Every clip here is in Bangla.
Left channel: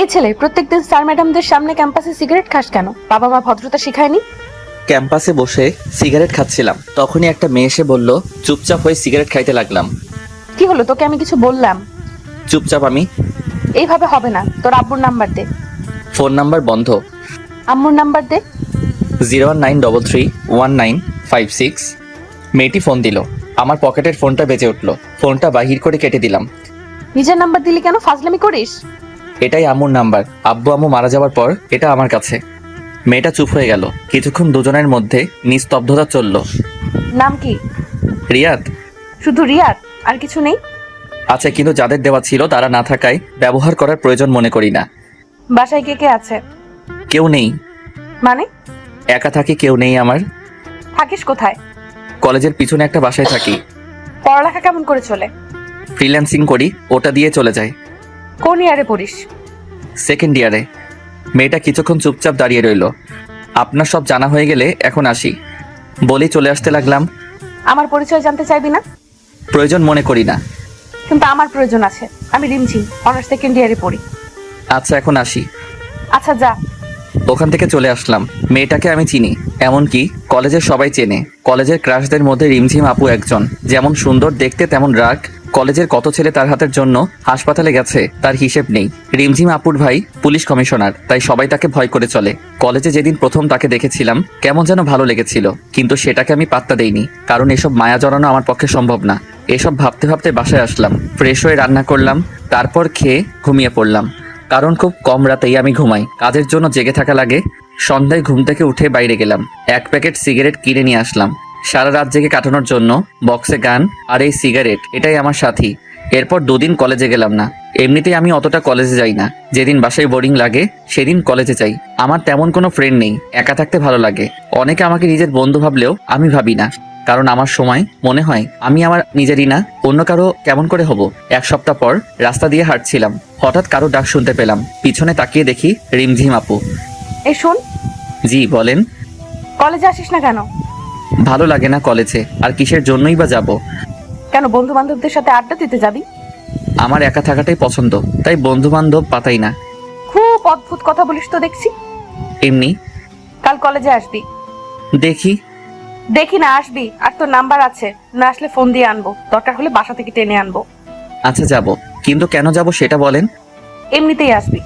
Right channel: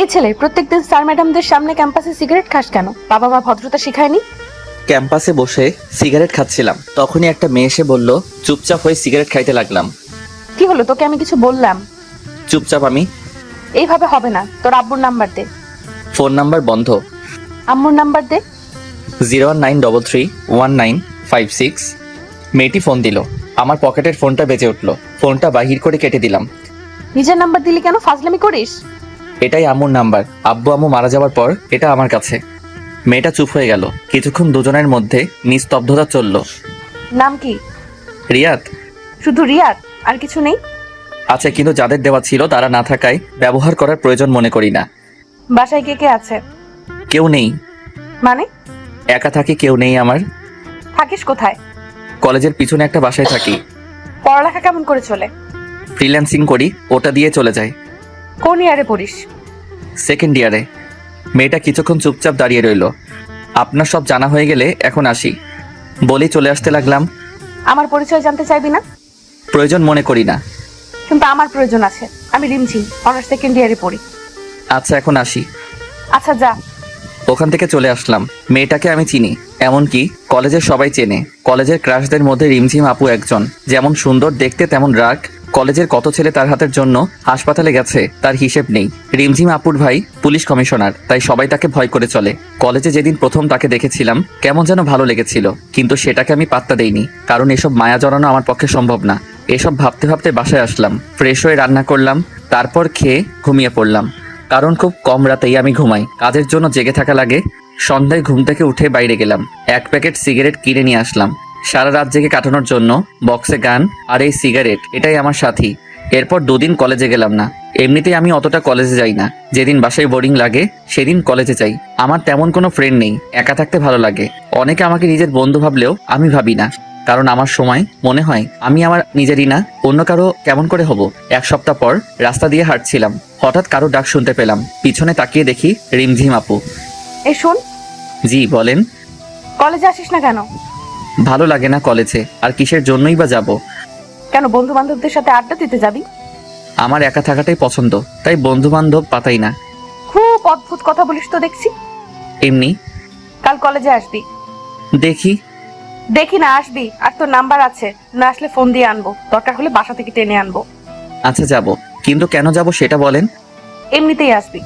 এই ছেলে প্রত্যেকটা স্যার ম্যাডামদের সামনে ক্যাম্পাসে সিগারেট খাস কেন? বাবা মা ভদ্রতা শেখায়নি? ক্যাম্পাসে বসে সিগারেট খাচ্ছিলাম, তখনই একটা মেয়ে এসে বলল, চুপচাপ হয়ে সিগারেট খাইতে লাগলাম। কি হলো, তোকে আমি কিছু বললাম? চুপচাপ আমি। এইভাবে হবে না, তোর আব্বুর নাম্বার দে। ফোন নাম্বার বন্ধ। আম্মুর নাম্বার দে। 019331956। মেয়েটি ফোন দিল। আমার পকেটের ফোনটা বেজে উঠলো। ফোনটা বাহির করে কেটে দিলাম। নিজের নাম্বার দিলি কেন? ফাজলামি করিস? এটাই আম্মুর নাম্বার। আব্বু আম্মু মারা যাওয়ার পর এটা আমার কাছে। মেয়েটা চুপ হয়ে গেল। কিছুক্ষণ দুজনের মধ্যে নিস্তব্ধতা চলল। নাম কি? রিয়াদ। শুধু রিয়াদ, আর কিছু নেই? আছে, কিন্তু যাদের দেওয়া ছিল তারা না থাকায় ব্যবহার করার প্রয়োজন মনে করি না। বাসায় কে কে আছে? কেউ নেই। মানে? একা থাকে, কেউ নেই আমার। থাকিস কোথায়? কলেজের পিছনে একটা বাসায় থাকি। পড়ালেখা কেমন করে চলে? ফ্রিল্যান্সিং করি, ওটা দিয়ে চলে যায়। কোন ইয়ারে পড়িস? সেকেন্ড ইয়ারে। মেয়েটা কিছুক্ষণ চুপচাপ দাঁড়িয়ে রইল। আপনার সব জানা হয়ে গেলে এখন আসি বলি চলে আসতে লাগলাম। আমার পরিচয় জানতে চাইবি না? প্রয়োজন মনে করি না। কিন্তু আমার প্রয়োজন আছে। আমি রিমঝিম, অনার্স সেকেন্ড ইয়ারে পড়ি। আচ্ছা, এখন আসি। আচ্ছা যা। ওখান থেকে চলে আসলাম। মেয়েটাকে আমি চিনি, এমনকি কলেজের সবাই চেনে। কলেজের ক্রাশদের মধ্যে রিমঝিম আপু একজন। যেমন সুন্দর দেখতে, তেমন রাগ। কলেজের কত ছেলে তার হাতের জন্য হাসপাতালে গেছে তার হিসেব নেই। রিমঝিম আপুর ভাই পুলিশ কমিশনার, তাই সবাই তাকে ভয় করে চলে। কলেজে যেদিন প্রথম তাকে দেখেছিলাম কেমন যেন ভালো লেগেছিল, কিন্তু সেটাকে আমি পাত্তা দেইনি, কারণ এসব মায়া জড়ানো আমার পক্ষে সম্ভব না। এসব ভাবতে ভাবতে বাসায় আসলাম, ফ্রেশ হয়ে রান্না করলাম, তারপর খেয়ে ঘুমিয়ে পড়লাম। কারণ খুব কম রাতেই আমি ঘুমাই, কাজের জন্য জেগে থাকা লাগে। সন্ধ্যায় ঘুম থেকে উঠে বাইরে গেলাম, 1 প্যাকেট সিগারেট কিনে নিয়ে আসলাম। সারা রাত জেগে কাটানোর জন্য বক্সে গান আর এই সিগারেট, এটাই আমার সাথী। এরপর 2 দিন কলেজে গেলাম না। এমনিতেই আমি অতটা কলেজে যাই না। যেদিন বাসায় বোরিং লাগে সেদিন কলেজে যাই। আমার তেমন কোনো ফ্রেন্ড নেই, একা থাকতে ভালো লাগে। অনেকে আমাকে নিজের বন্ধু ভাবলেও আমি ভাবি না, কারণ আমার সময় মনে হয় আমি আমার নিজেরই না, অন্য কারো কেমন করে হব। 1 সপ্তাহ পর রাস্তা দিয়ে হাঁটছিলাম, হঠাৎ কারো ডাক শুনতে পেলাম। পিছনে তাকিয়ে দেখি রিমঝিম আপু। এই শুন, জি বলেন। কলেজে আসিস না কেন? ভালো লাগে না কলেজে, আর কিসের জন্যই বা যাব। কেন, বন্ধু বান্ধবদের সাথে আড্ডা দিতে যাবি? আমার একা থাকাটাই পছন্দ, তাই বন্ধু বান্ধব পাতাই না। খুব অদ্ভুত কথা বলিস তো দেখছি। এমনি। কাল কলেজে আসবি। দেখি। দেখি না, আসবি। আর তোর নাম্বার আছে, না আসলে ফোন দিয়ে আনবো, দরকার হলে বাসা থেকে টেনে আনবো। আচ্ছা যাব, কিন্তু কেন যাব সেটা বলেন। এমনিতেই আসবি।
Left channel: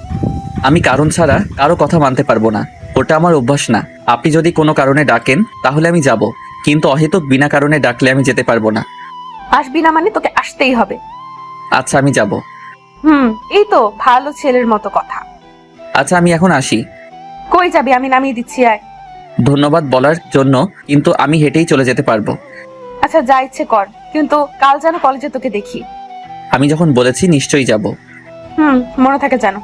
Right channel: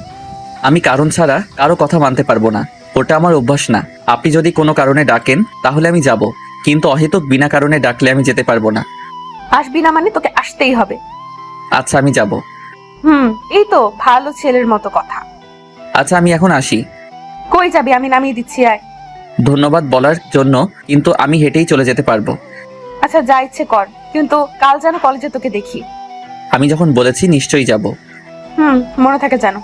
আমি কারণ ছাড়া কারো কথা মানতে পারবো না, ওটা আমার অভ্যাস না। আপনি যদি কোনো কারণে ডাকেন তাহলে আমি যাব, কিন্তু অহেতুক বিনা কারণে ডাকলে আমি যেতে পারবো না। আসবি না মানে তোকে আসতেই হবে। আচ্ছা আমি যাব। এই তো ভালো ছেলের মতো কথা। আচ্ছা আমি এখন আসি। কই যাবি? আমি নামিয়ে দিচ্ছি, আয়। ধন্যবাদ বলার জন্য, কিন্তু আমি হেঁটেই চলে যেতে পারবো। আচ্ছা যা ইচ্ছে কর, কিন্তু কাল যেন কলেজে তোকে দেখি। আমি যখন বলেছি নিশ্চয়ই যাব। মনে থাকে যেন।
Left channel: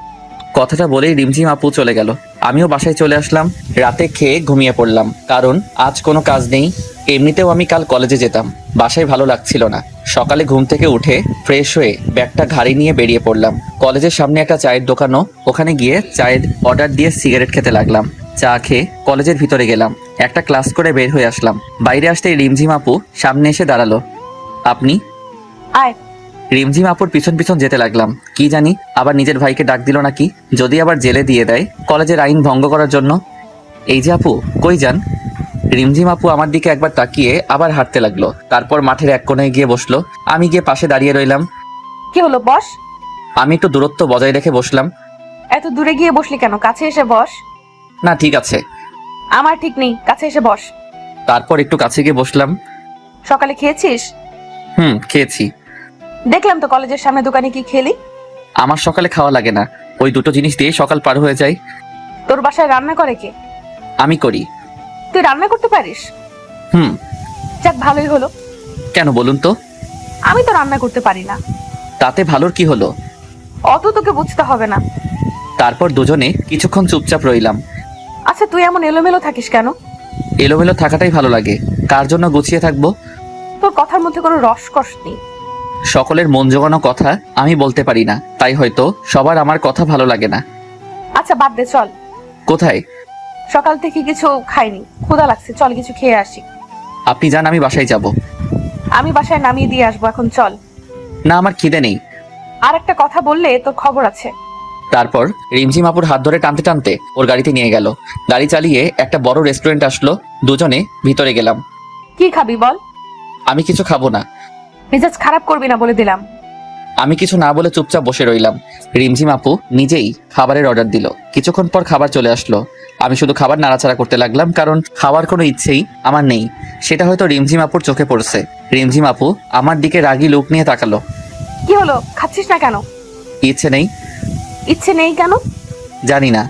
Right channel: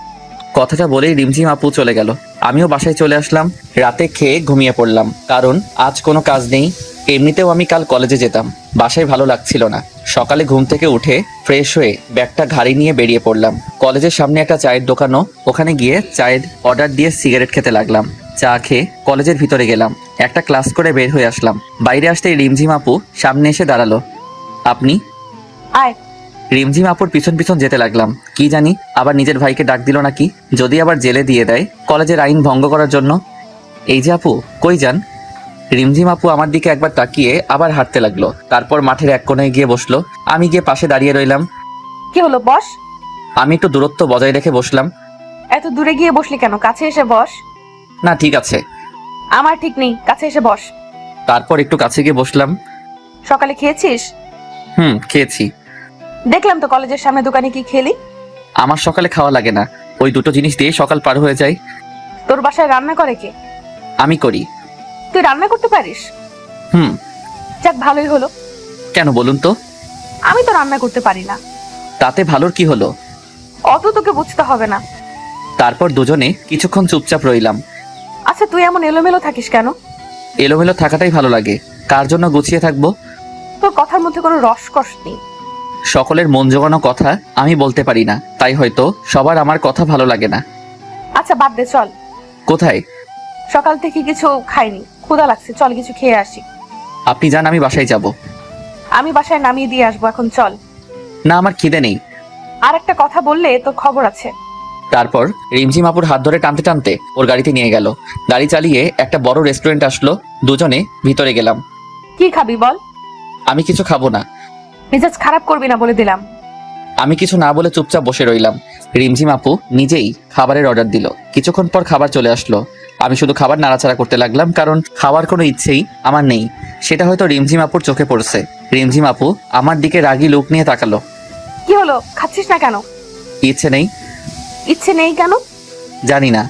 কথাটা বলেই রিমঝিম আপু চলে গেল। আমিও বাসায় চলে আসলাম। রাতে খেয়ে ঘুমিয়ে পড়লাম, কারণ আজ কোনো কাজ নেই। এমনিতেও আমি কাল কলেজে যেতাম। বাসায় ভালো লাগছিল না। সকালে ঘুম থেকে উঠে ফ্রেশ হয়ে ব্যাগটা ঘাড়ি নিয়ে বেরিয়ে পড়লাম। কলেজের সামনে একটা চায়ের দোকানও, ওখানে গিয়ে চায়ের অর্ডার দিয়ে সিগারেট খেতে লাগলাম। চা খেয়ে কলেজের ভিতরে গেলাম। একটা ক্লাস করে বের হয়ে আসলাম। বাইরে আসতেই রিমঝিম আপু সামনে এসে দাঁড়ালো। আপনি? আয়। রিমঝিম আপুর পিছন পিছন যেতে লাগলাম। কি জানি আবার নিজের ভাইকে ডাক দিল নাকি, যদি আবার জেলে দিয়ে দেয় কলেজের আইন ভঙ্গ করার জন্য। এই যে আপু, কই যান? রিমঝিম আপু আমার দিকে একবার তাকিয়ে আবার হাঁটতে লাগলো, তারপর মাঠের এক কোণায় গিয়ে বসলো। আমি গিয়ে পাশে দাঁড়িয়ে রইলাম। কি হলো, বস। আমি একটু দূরত্ব বজায় রেখে বসলাম। এত দূরে গিয়ে বসলি কেন? কাছে এসে বস। না ঠিক আছে। আমার ঠিক নেই, কাছে এসে বস। তারপর একটু কাছে গিয়ে বসলাম। সকালে খেয়েছিস? খেয়েছি। দেখলাম তো কলেজের সামনে দোকানে কি খেলি। আমার সকালে খাওয়া লাগে না, ওই দুটো জিনিস দিয়ে সকাল পার হয়ে যায়। তোর বাসায় রান্না করে কে? আমি করি। তুই রান্না করতে পারিস? হুম। যাক, ভালোই হলো। কেন বলুন তো? আমি তো রান্না করতে পারি না। তাতে ভালোর কি হলো? অত তোকে বুঝতে হবে না। তারপর দুজনে কিছুক্ষণ চুপচাপ রইলাম। আচ্ছা তুই এমন এলোমেলো থাকিস কেন? এলোমেলো থাকাটাই ভালো লাগে, তার জন্য গুছিয়ে থাকবো। তোর কথার মধ্যে কোনো রসকস নেই। সকলের মন জোগানো কথা আমি বলতে পারি না, তাই হয়তো সবার আমার কথা ভালো লাগে না। আচ্ছা বাদ দে, চল। কোথায়? সকাল থেকে কিছু খাইনি, ক্ষুধা লাগছে, চল কিছু খেয়ে আসি। আপনি যান, আমি বাসায় যাব। আমি বাসায় নামিয়ে দিয়ে আসবো, এখন চল। না, আমার খিদে নেই। আর একটা কথা বললে তোর খবর আছে। তারপর রিমঝিম আপুর হাত ধরে টানতে টানতে ওর গাড়িতে নিয়ে গেল। গাড়ি চালিয়ে একটা বড় রেস্টুরেন্ট আসলো, দুজনে ভিতরে গেলাম। কি খাবি বল? আমি কিছু খাবো না। মেজাজ খারাপ করবি না বলে দিলাম। আমি কিছু না বলে চুপচাপ বসে রইলাম। রিমঝিম আপু নিজেই খাবারের অর্ডার দিল। কিছুক্ষণ পর খাবার চলে আসলো। আমি শুধু খাবার নাড়াচাড়া করতে লাগলাম, কারণ খাওয়ার কোনো ইচ্ছেই আমার নেই। সেটা হয়তো রিমঝিম আপুর চোখে পড়ছে। রিমঝিম আপু আমার দিকে রাগী লোক নিয়ে তাকালো। কি হলো, খাচ্ছিস না কেন? ইচ্ছে নেই। ইচ্ছে নেই কেন? জানি না।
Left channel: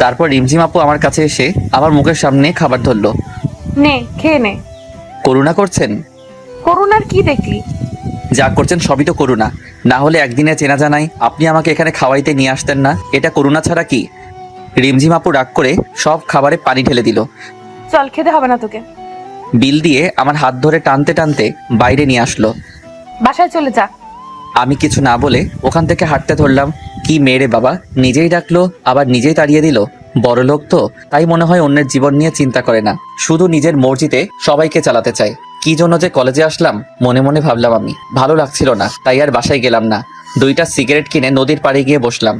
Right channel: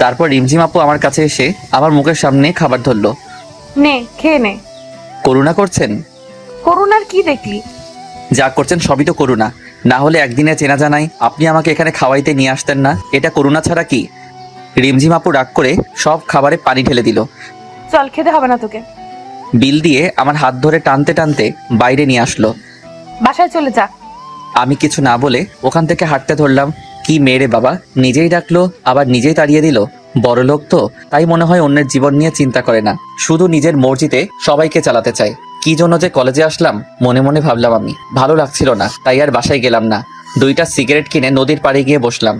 তারপর রিমঝিম আপু আমার কাছে এসে আমার মুখের সামনে খাবার ধরলো। নে, খেয়ে নে। করুণা করছেন? করুণার কি দেখলি? যা করছেন সবই তো করুণা। না হলে একদিনে চেনা জানাই আপনি আমাকে এখানে খাওয়াইতে নিয়ে আসতেন না। এটা করুণা ছাড়া কি? রিমঝিম আপু রাগ করে সব খাবারে পানি ঢেলে দিল। চল, খেতে হবে না তোকে। বিল দিয়ে আমার হাত ধরে টানতে টানতে বাইরে নিয়ে আসলো। বাসায় চলে যা। আমি কিছু না বলে ওখান থেকে হাঁটতে ধরলাম। কি মেরে বাবা, নিজেই ডাকলো আবার নিজেই তাড়িয়ে দিল। বড় লোক তো, তাই মনে হয় অন্যের জীবন নিয়ে চিন্তা করে না, শুধু নিজের মর্জিতে সবাইকে চালাতে চায়। কি জন্য যে কলেজে আসলাম মনে মনে ভাবলাম আমি। ভালো লাগছিল না, তাই আর বাসায় গেলাম না। 2টা সিগারেট কিনে নদীর পাড়ে গিয়ে বসলাম।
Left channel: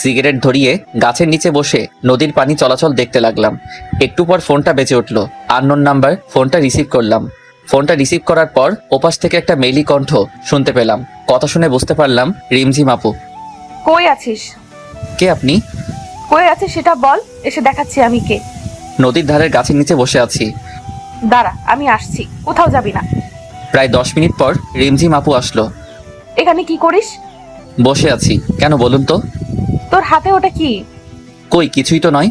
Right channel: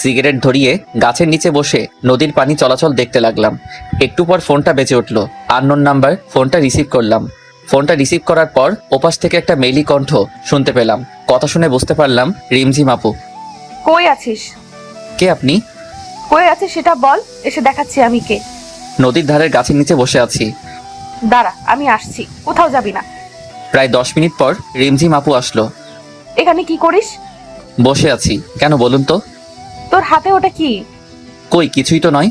সিগারেট ধরিয়ে গাছের নিচে বসে নদীর পানি চলাচল দেখতে লাগলাম। একটু পর ফোনটা বেজে উঠলো। Unknown number. ফোনটা রিসিভ করলাম। ফোনটা রিসিভ করার পর ওপাশ থেকে একটা মেইলি কণ্ঠ শুনতে পেলাম। কথা শুনে বুঝতে পারলাম রিমঝিম আপু। কই আছিস? কে আপনি? কই আছিস সেটা বল, এসে দেখাচ্ছি আমি কে। নদীর ধারের গাছের নিচে বসে আছি। দাঁড়া, আমি আসছি, কোথাও যাবি না। প্রায় 10 মিনিট পর রিমঝিম আপু আসলো। এখানে কি করিস? বসে আছি। কেন বলুন তো? তোর হাতে ওটা কি? কই, কিছুই তো নয়।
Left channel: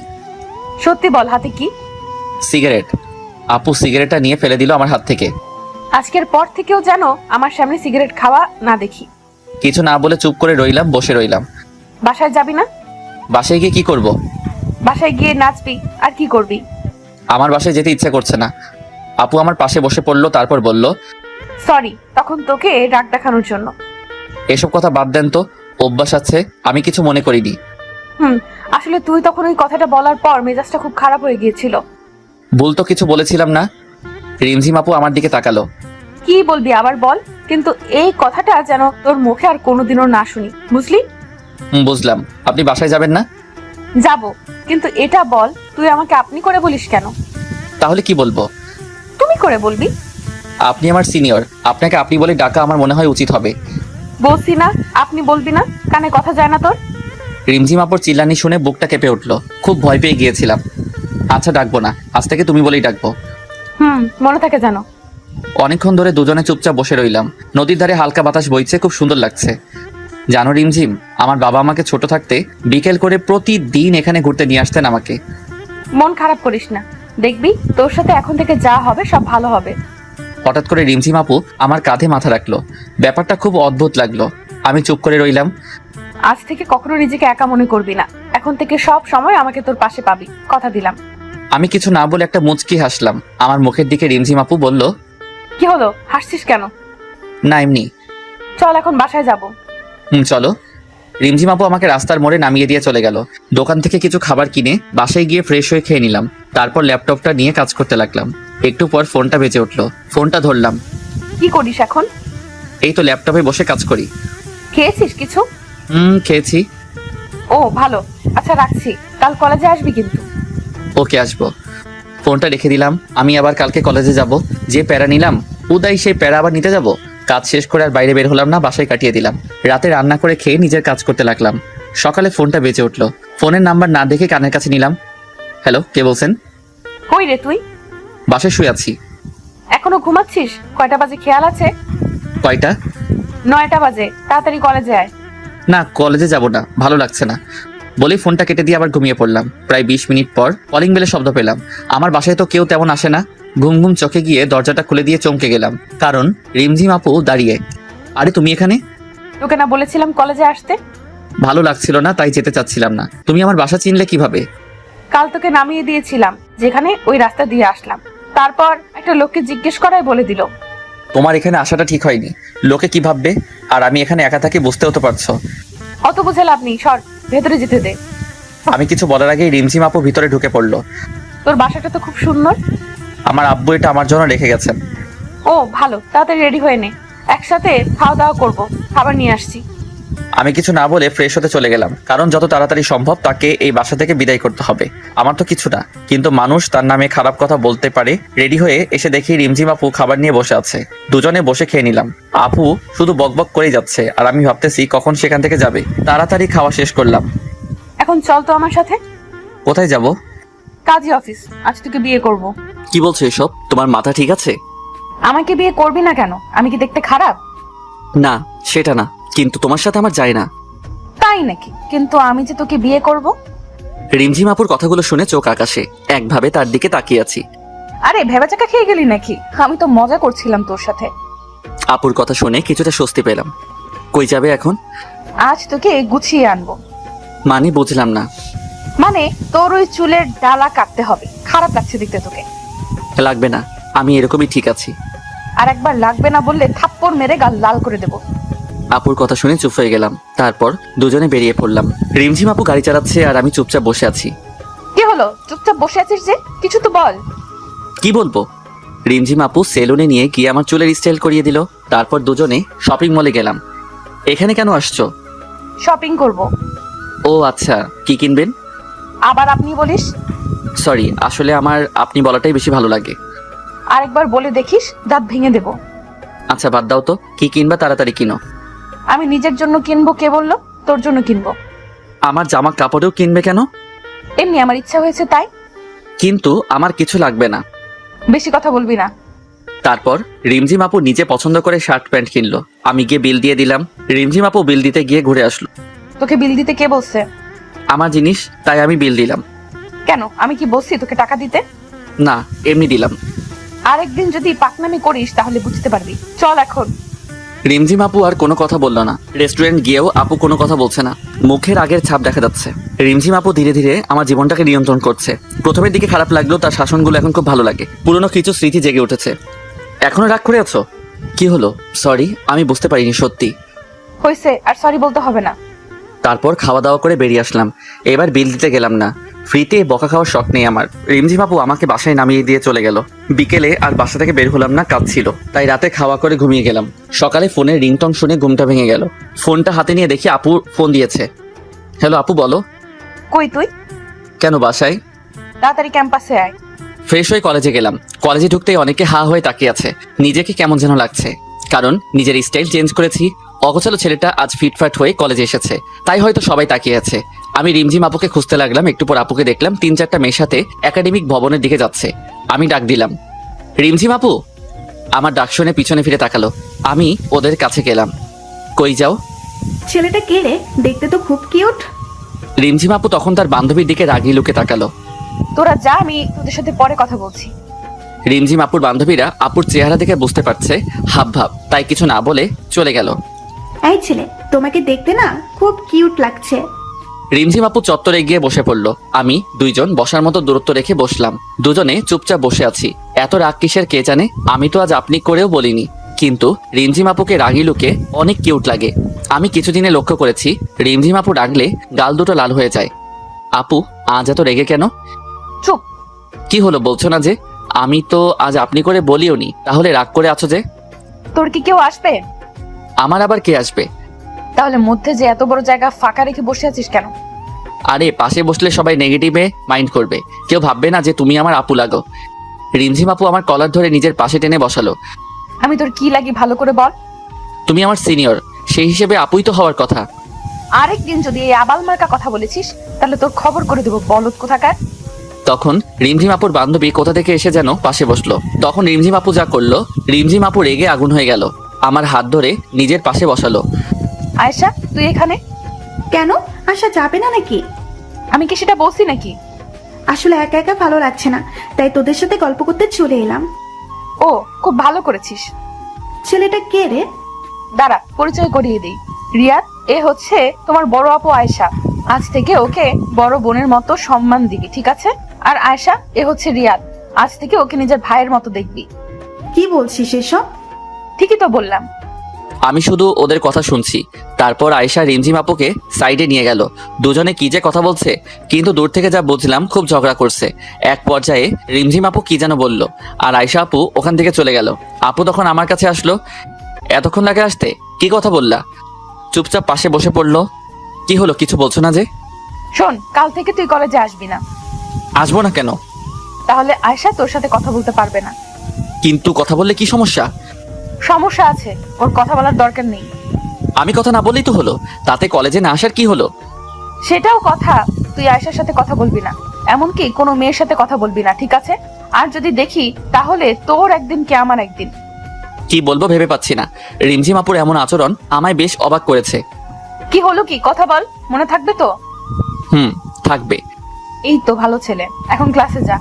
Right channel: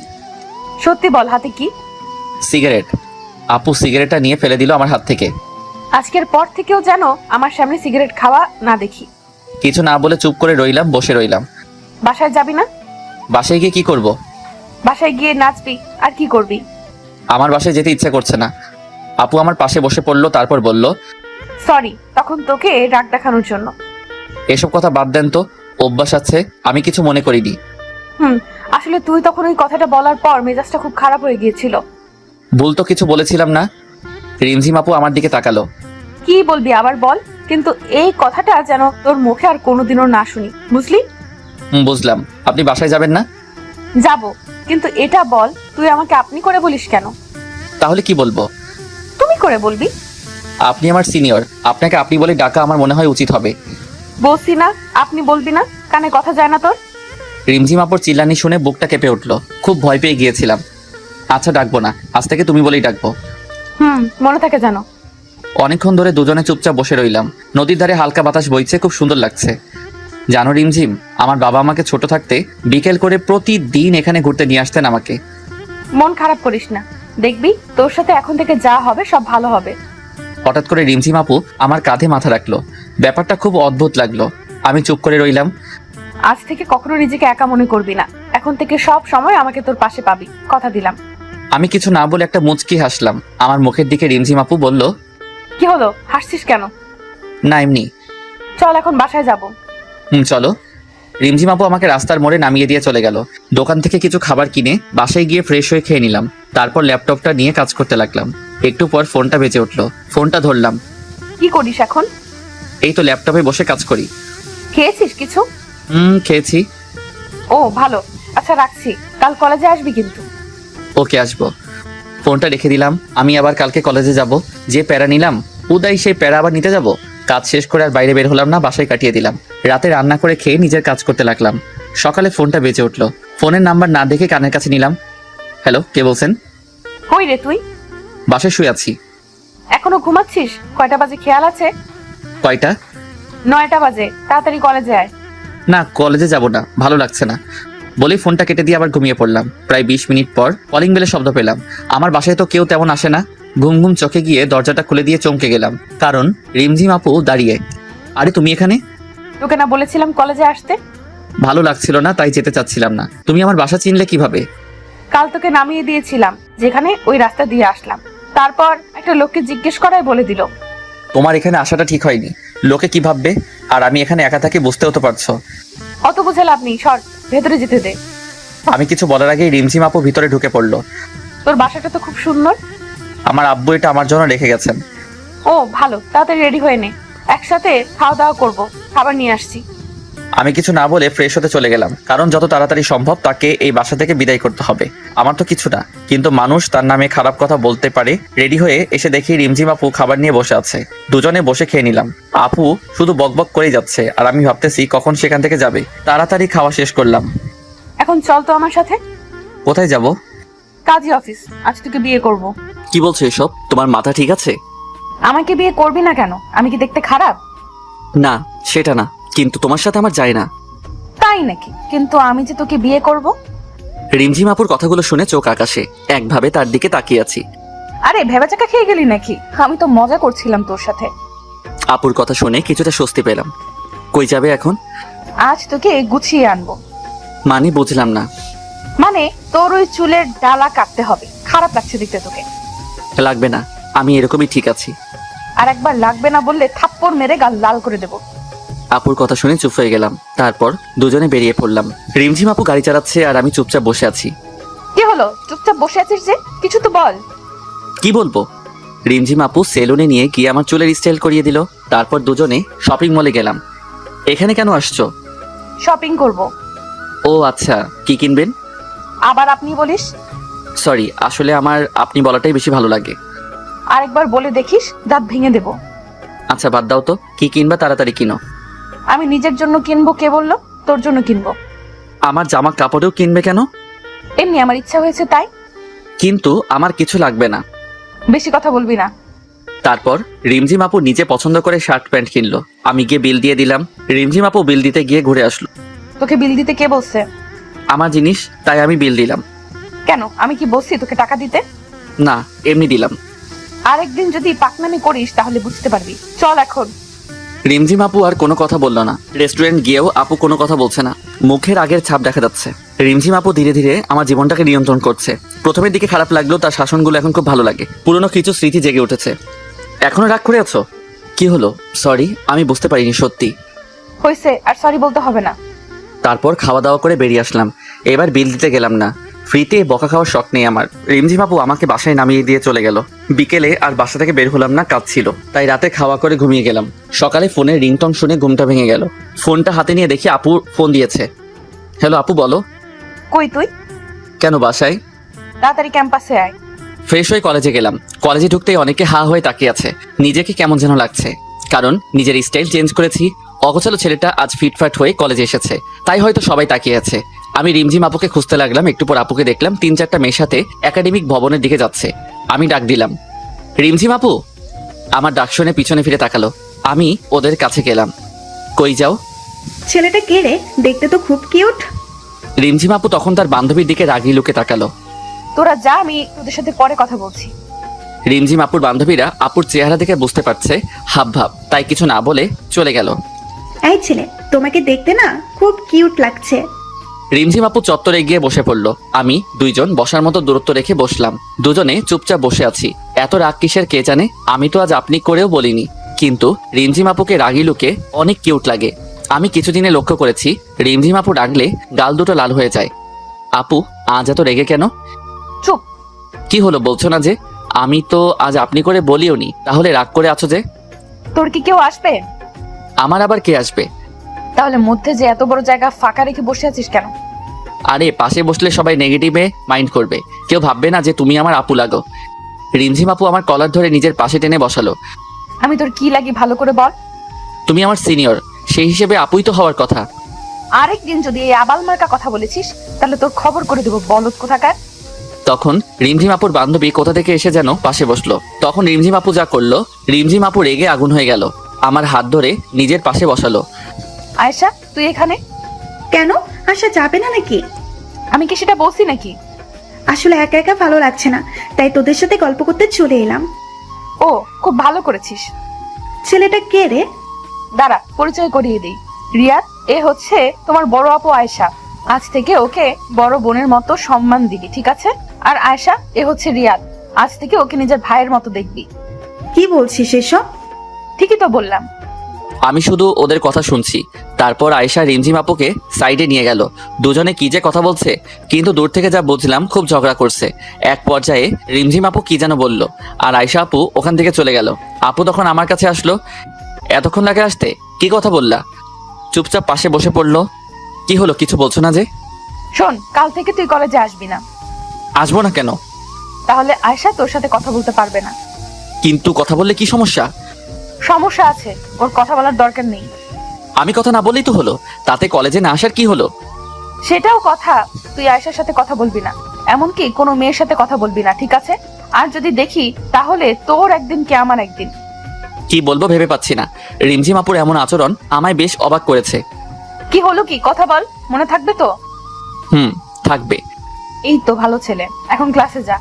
সত্যি বল, হাতে কি? সিগারেট। আপু সিগারেটটা নিয়ে ফেলে দিল আমার হাত থেকে। আজকের পর থেকেও জানো আমার সামনে সিগারেট খাওয়া না দেখি। কিছু না বলে চুপ করে রইলাম, বসে রইলাম। বাসায় যাবি না? বাসায় গিয়ে কি করব? বাসায় গিয়ে নাচবি আর কি করবি? আমার বাসায় যেতে ইচ্ছা করছে না। আপু আমার পাশে বসে পড়লো, তারপর বলল, সরি, তখন তোকে রাগ দেখানোর জন্য। এসব কথা বাদ দেন তো, অভ্যাস আছে, আমি কিছু মনে করিনি। আসলে তুই তখন ওই কথাটা বলার পর মেজাজটা খুব খারাপ হয়ে গিয়েছিল। বলতো কিছু বলেছিলাম না। রিমঝিম আপু আমার দিকে তাকালো। কি বলবি আবার বল, কিন্তু এই কথাটা যেন তোর মুখে আর কোনোদিনও না শুনি, বুঝলি? বুঝলাম। আপনি বাসায় যাবেন না? যাব, কিন্তু এটা বল তুই আমাকে আপনি করে বলিস কেন? তাহলে কি বলবো? তুমি করে বলবি। আপনি আমার সিনিয়র, আপনাকে আপনি বলে ডাকা আমার মনে হয় উচিত হবে। বলছি না আপনি বলবি না, কানে কথা যায় না তোর? রিমঝিম আপুর চিল্লানি শুনে বুকটা কেঁপে উঠলো। খুব ভয় পেয়ে গিয়েছিলাম। আচ্ছা, ডাকবো না, আজ থেকে তুমি বলেই ডাকবো। মনে থাকে যেন। অনেকক্ষণ ধরে দুজনে চুপচাপ বসে রইলাম। নদীর ধারে হালকা বাতাস বইছে, খুব সুন্দর লাগছে। জানো রিমঝিম, আমার বাবা আমাকে ছোট থাকতে বিকেল করে প্রতিদিন এখানে ঘুরতে নিয়ে আসতেন আমাকে। মন খারাপ করিস না, দেখবি তোর সাথে এখন থেকে যা হবে সব ভালো হবে। হঠাৎ করে রিমঝিম আপু আমার কাঁধে মাথা রাখলো। ব্যাপারটা খুব অদ্ভুত লাগলো। আমি চুপ করে রইলাম। আজ থেকে কখনো নিজেকে একা মনে করবি না, এখন থেকে সব সময় আমাকে তোর পাশে পাবি, কথা দিলাম। আমি কিছু না বলে একটা মুচকি হাসলাম। আমার মুখের দিকে রিমঝিম আপু বলল, কি হলো, হাসছিস কেন? না এমনি। চল এখন বাসায় যাব। চলো। রিমঝিম আপু আমাকে রাস্তার মোড়ে নামিয়ে দিয়ে চলে গেল। দোকান থেকে কিছু খাবার কিনে বাসায় গিয়ে ফ্রেশ হয়ে খেয়ে নিলাম। তারপর ল্যাপটপটা নিয়ে কাজ করতে লাগলাম। একটু পর ফোনটা বেজে উঠলো। ফোনটা ধরলাম। কি করিস এখন? এই তো ল্যাপটপে বসে কাজ করি। খেয়েছিস কিছু? খেয়েছি। ও ভালো, আচ্ছা রাখছি, কাল কলেজে আসবি কিন্তু। ওকে, আসবো। ফোনটা রেখে দিলাম। আমি আবার কালকে কলেজে যাব। যে প্যারা নিলাম, উদয় সেই প্যারা আবার নিতে যাব। কাজ শেষ করে আর বাইরে বের হলাম না, বাসায় কাটিয়ে দিলাম। রাতে রান্না করে খেয়ে নিজের কাজ করতে লাগলাম। সকালে ফোনটা বেজে উঠলো। ফোনের নাম্বার না দেখে কানের কাছে নিলাম। হ্যালো, কে বলছেন? কই রে তুই? বাসায় শুয়ে আছি। এখনো ঘুমাচ্ছিস? কয়টা বাজে খেয়াল আছে? কয়টা? 9টা বাজে, তাড়াতাড়ি কলেজে আয়। না, কলেজে যাব না, ভালো লাগছে না বলেই ফোনটা কেটে দিয়ে আবার ঘুমিয়ে পড়লাম। প্রায় 20 মিনিট পর কলিং বেলের শব্দ পেলাম। আমার বাসায় তো কেউ তেমন আসে না। ঘুম ঘুম চোখে গিয়ে দরজাটা খুলে দিয়ে চমকে গেলাম, কারণ রিমঝিম আপু দাঁড়িয়ে। আরে তুমি এখানে? তোকে না বলেছিলাম কলেজে আসতে? ভালো লাগছিল না, তাই যেতে চাচ্ছিলাম না। তুমি আমার বাসা চিনলে কিভাবে? কাল তোকে নামিয়ে দিয়েছিলাম যেখানে, ওই রাস্তা দিয়ে আসলাম। তারপর একটা লোককে জিজ্ঞেস করাই বলে দিল। তোমার এখানে আসাটা ঠিক হয়নি। লোকে কি ভাববে? আর আমি এখানে একা থাকি, বুঝতেও তো পারছো। অত বুঝে লাভ নেই, সর, ভেতরে যেতে দে। আমি কিছু বলার আগেই রিমঝিম আপু ভিতরে ঢুকে পড়লো। তোর বাসাটা তো খুব সুন্দর। আমার আব্বু এটা আমার জন্য রেখে গেছেন। ও ভালো, তাড়াতাড়ি রেডি হয়ে নে, একসাথে খাওয়া দাওয়া করবো, খাবার নিয়ে আসছি। আমি কিছু না বলে ফ্রেশ হতে চলে গেলাম, কারণ যত তাড়াতাড়ি সম্ভব তাকে এই বাসা থেকে বিদায় করতে হবে। আমার তো কিছু না, কিন্তু মানুষ তার নামে খারাপ কথা বলতে পারে। রেডি হয়ে এসে দেখি রিমঝিম আপু খাবার নিয়ে বসে আছে। দুজনে বসে খেয়ে নিলাম। আপু শুধু বকবক করেই যাচ্ছে, আর আমি ভাবতেছি কখন সেখান থেকে যাবে। তাড়াতাড়ি খাওয়া শেষ করলাম। এখন চল তো আমার সাথে। কোথায় যাব? কাজী অফিস, আজ তোকে বিয়ে করব। কি বলছো এসব? তোমার মাথা ঠিক আছে? আমাকে বিয়ে করবি না কেন? আমি কি দেখতে খারাপ? না, সেটা না, কিন্তু তোমার সাথে আমার যায় না। তাই নাকি? কিন্তু আমি যে তোকে বিয়ে করব। রিমঝিম আপুর কথাগুলো শুনে চোখ আকাশে, একভাবে তার দিকে তাকিয়ে আছি। আরে ভেবাচাকা খেয়ে গেলি নাকি? আমি তো মজা করছিলাম তোর সাথে। আপুর কথা শুনে কিছুটা স্বস্তি পেলাম। কই যাবে এখন? আজ তোকে গুছিয়ে আনবো। মানে বুঝলাম না। মানে তোর ওই চুলের ডালা কাটতে হবে। খারাপ লাগছে দেখতে তোকে। লাগবে না, আমি এরকমই ঠিক আছি। আর একবার লাগবে না বললে থাপ্পড় মেরে গাল লাল করে দেবো। আপুর কথা শুনে চুপ হয়ে গেলাম। তারপর দুজনে বেরিয়ে পড়লাম। রিমঝিম আপু গাড়ি চালাচ্ছে আর আমি চুপচাপ বসে আছি। কি হলো? চুপচাপ বসে আছিস যে? কিছু তো বল। কি বলবো? রিমঝিম আপু সেলুনে নিয়ে গিয়ে আমার চুলের স্টাইল করিয়ে দিল। তারপর দুজনে শপিং মলে গেলাম। এখানে কেন আসছো? শপিং করব। ও আচ্ছা, কি কিনবেন? আবার আপনি বলিস? সরি, আসলে আমার আপনি বলাটাই বেশি ভালো লাগে। আরেকবার বলে দেখিস, দাঁত ভেঙে দেবো। আচ্ছা বাদ দাও তো, কি কিনবা তাড়াতাড়ি কিনো। আমি নিজের জন্য কিনবো, কে বললো? তোর জন্য কিনবো। আমার জামা কাপড়েও কিনবে কেন? এমনি আমার ইচ্ছা হয়েছে তাই। কিন্তু আমার কিছু লাগবে না। বেশি কথা বলবি না। তারপর রিমঝিম আপু নিজে পছন্দ করে শার্ট প্যান্ট কিনলো। আমি গিয়ে বিল দিয়ে দিলাম। রিমঝিম আপু বিল দিতে গিয়ে ঘুরে আসলো। তোকে বিল দিতে কে বলছে? আমার জিনিস, তাই আমি বিল দিলাম। কেন, আমি কি বলছি তোকে টাকা দিতে? না, এমনি দিলাম। আরেকদিন যদি পাকনামি করিস তাহলে বুঝতে পারবি। চল এখন। রিমঝিম আপু আর কোনো কথা বললো না। রেস্টুরেন্ট গিয়েও আপু কোনো কথা বলছে না। মুখের আগের ছাপ দেখা যাচ্ছে। রিমঝিম আপু ধীরে ধীরে আমার জীবনটাকে নিয়ন্ত্রণ করছে। প্রথমের দিকে খারাপ লাগলেও তার শাসনগুলো এখন খুব ভালো লাগে। পুরনো কিছু স্মৃতি জেগে উঠেছে। এখনো রাগ করে আছো? কি হলো? সরি, আমি বুঝতে পারিনি সত্যি। হয়েছে, আর সরি বলতে হবে না। তারপর খাওয়া দাওয়া করে বেরিয়ে আসলাম। এবার বিল দিতে গেলাম না। ফ্রিতে বকা খাওয়ার শখ নেই আমার। রিমঝিম আপু আমাকে বাসায় নামিয়ে দিয়ে চলে গেল। বিকেলে আর বাসা থেকে বের হলাম না, কাজ ছিল। তাই রাতে খাওয়া করে ঘুমিয়ে গেলাম। সকালে ফোনের রিংটন শুনে ঘুমটা ভেঙে গেল। ফোনটা হাতে নিয়ে দেখি আপু ফোন দিয়েছে। হ্যালো আপু, বলো। কই তুই? কেন, বাসায়। তাড়াতাড়ি ক্যাম্পাসে আয়। ফ্রেশ হয়ে কলেজে গেলাম। কলেজে ঢুকতেই অনেকে হা হয়ে তাকিয়ে আছে। নিজেকে কেমন যেন লাগছে, কারণ নিজের স্টাইল চেঞ্জ করেছি। অগোছালো ছেলেটা আজ ফিটফাট হয়ে কলেজে এসেছে, তাই হয়তো সবাই তাকিয়ে আছে। আমি রিমঝিম আপুকে খুঁজতে লাগলাম। একটু পর আপুকে দেখলাম 3-4টা মেয়ের সাথে একাডেমিক ভবনের দিকে যাচ্ছে। আমি ডাক দিলাম, রিমঝিম আপু। আমার ডাক শুনে পিছনে ফিরে তাকালো। আমি ওদের কাছে গেলাম। কই যাও? ছেলেটা কে রে? দেখতে তো খুব কিউট। রিমঝিম আপু তখন তার বান্ধবীর দিকে রাগি লুকে তাকালো। তোরা যা, আমি তোদের সাথে পরে কথা বলছি। রিমঝিম আপুর বান্ধবীরা আপুর চেহারা দেখে বুঝতে পারছে হাব ভাব, তাই কিছু না বলে চলে গেল। এই ছেলে, তোমাকে দেখতে না খুব কিউট লাগছে। রিমঝিম আপু চত্বরে গিয়ে বসে পড়লো। আমি দুইজন বসার মতো দূরত্ব রেখে বসলাম। দুজনে চুপচাপ বসে আছি। এত রাগ কিসের কে জানে। আমি তো আজ আপনি করেও বলিনি, কিন্তু রিমঝিম আপুকে রাগি লুকে অনেক কিউট লাগে। আমি কিছুদিনে লক্ষ্য করেছি রিমঝিম আপু ডাকলে গাল দুটো লাল হয়ে যায়। আপু আজ এত রেগে কেন? চুপ। কি হলো, বলছো না যে? আমি তো আজ আপনি করে বলিওনি, তাহলে রাগ করে আছো যে? তোর কি কেউ আসবে? আমার আবার কে আসবে? তাহলে মধ্যে যে এত বড় জায়গা ফাঁকা রেখে বসে আছিস কেন? আরে পাশে বসলে সবাই নেগেটিভে মাইন্ড করবে, কেউ ভাববে না যে তুমি আমার আপু লাগো। রিমঝিম আপু আমার কলার ধরে নিজের পাশে টেনে বসালো। আমি তোর কি লাগি ভালো করে বল। তুমি আমার সিনিয়র, সেই হিসেবে আপুই তো হওয়ার কথা। আরেকদিন যদি এই আবাল মার্কা কথা বলেছিস তাহলে তোর খবর করে দেবো, বলদ কোথাকার। তখন রিমঝিম আপুর বান্ধবী কোথা থেকে এসে যেন পাশে বসলো। তখন রিমঝিম আপু যা করলো, রিমঝিম আপু রেগে আগুন হয়ে গেল। আমার হাত ধরে নিজের পাশে বসালো। আয়শা, তুই এখানে? কেন, আসা যাবে না নাকি? আমি কি সেটা বলছি নাকি? আসলে একা একা ভালো লাগছে না, তাই তোদের সাথে গল্প করতে চলে এলাম। ও, খুব ভালো করেছিস। ছেলেটা কে রে? দাঁড়া, পরিচয় করিয়ে দিই। রিয়াদ, এ হচ্ছে তোমার বড় আপু আয়শা। আজ থেকে ওকে বড় বোনের মতো সম্মান দিবি, ঠিক আছে? আর আয়শা, এ হচ্ছে রিয়াদ। আজ থেকে ওকে নিজের ভাইয়ের মতো দেখবি। কি বলছিস এসব? ঠিকই তো বললাম। আমি শুধু ওদের কথা শুনছি। তারপর আয়েশা রিমঝিম আপুকে সাইডে নিয়ে গেল। দুজনে কি যে কথা বলছে, কিন্তু দূর থেকে যা বুঝলাম খুব ঝগড়া করছে। এক পর্যায়ে রিমঝিম আপু কি যেন বলল, আর আয়েশা আপু ওখান থেকে চলে গেল। আপু তখন আমার কাছে আসলো। এতক্ষণ লাগে আসতে, কি কথা বললা? চুপচাপ পাশে বসে পড়লো। কি হলো, কিছু বলছো না যে? শোন, কাল থেকে তুই কলেজে আসবি না। আসবো না কেন? তাহলে আয়শা তোর সাথে কথা বলতে পারবে না। কিন্তু কথা বললে কি সমস্যা? সমস্যা আছে, ওর কথা বলার দরকার নেই। আমি কথা না বললেই তো হলো, তাতে কলেজে না আসার কি হলো? সেটাও কথা, তুই আয়শার সাথে কথা বলবি না, এমনকি কোনো মেয়ের সাথে কথা বলবি না, ঠিক আছে? আর যদি দেখি তাহলে তোর একদিন কে আমার একদিন। কি বলবো ভেবে পাচ্ছি না। রিমঝিম আপুর এমন আচরণ আমায় বেশ অবাক করেছে। কি হলো, কি কথা বল, মনে থাকবে তো? থাকবে। এই তো ভালো ছেলে, এখন ক্লাসে যা।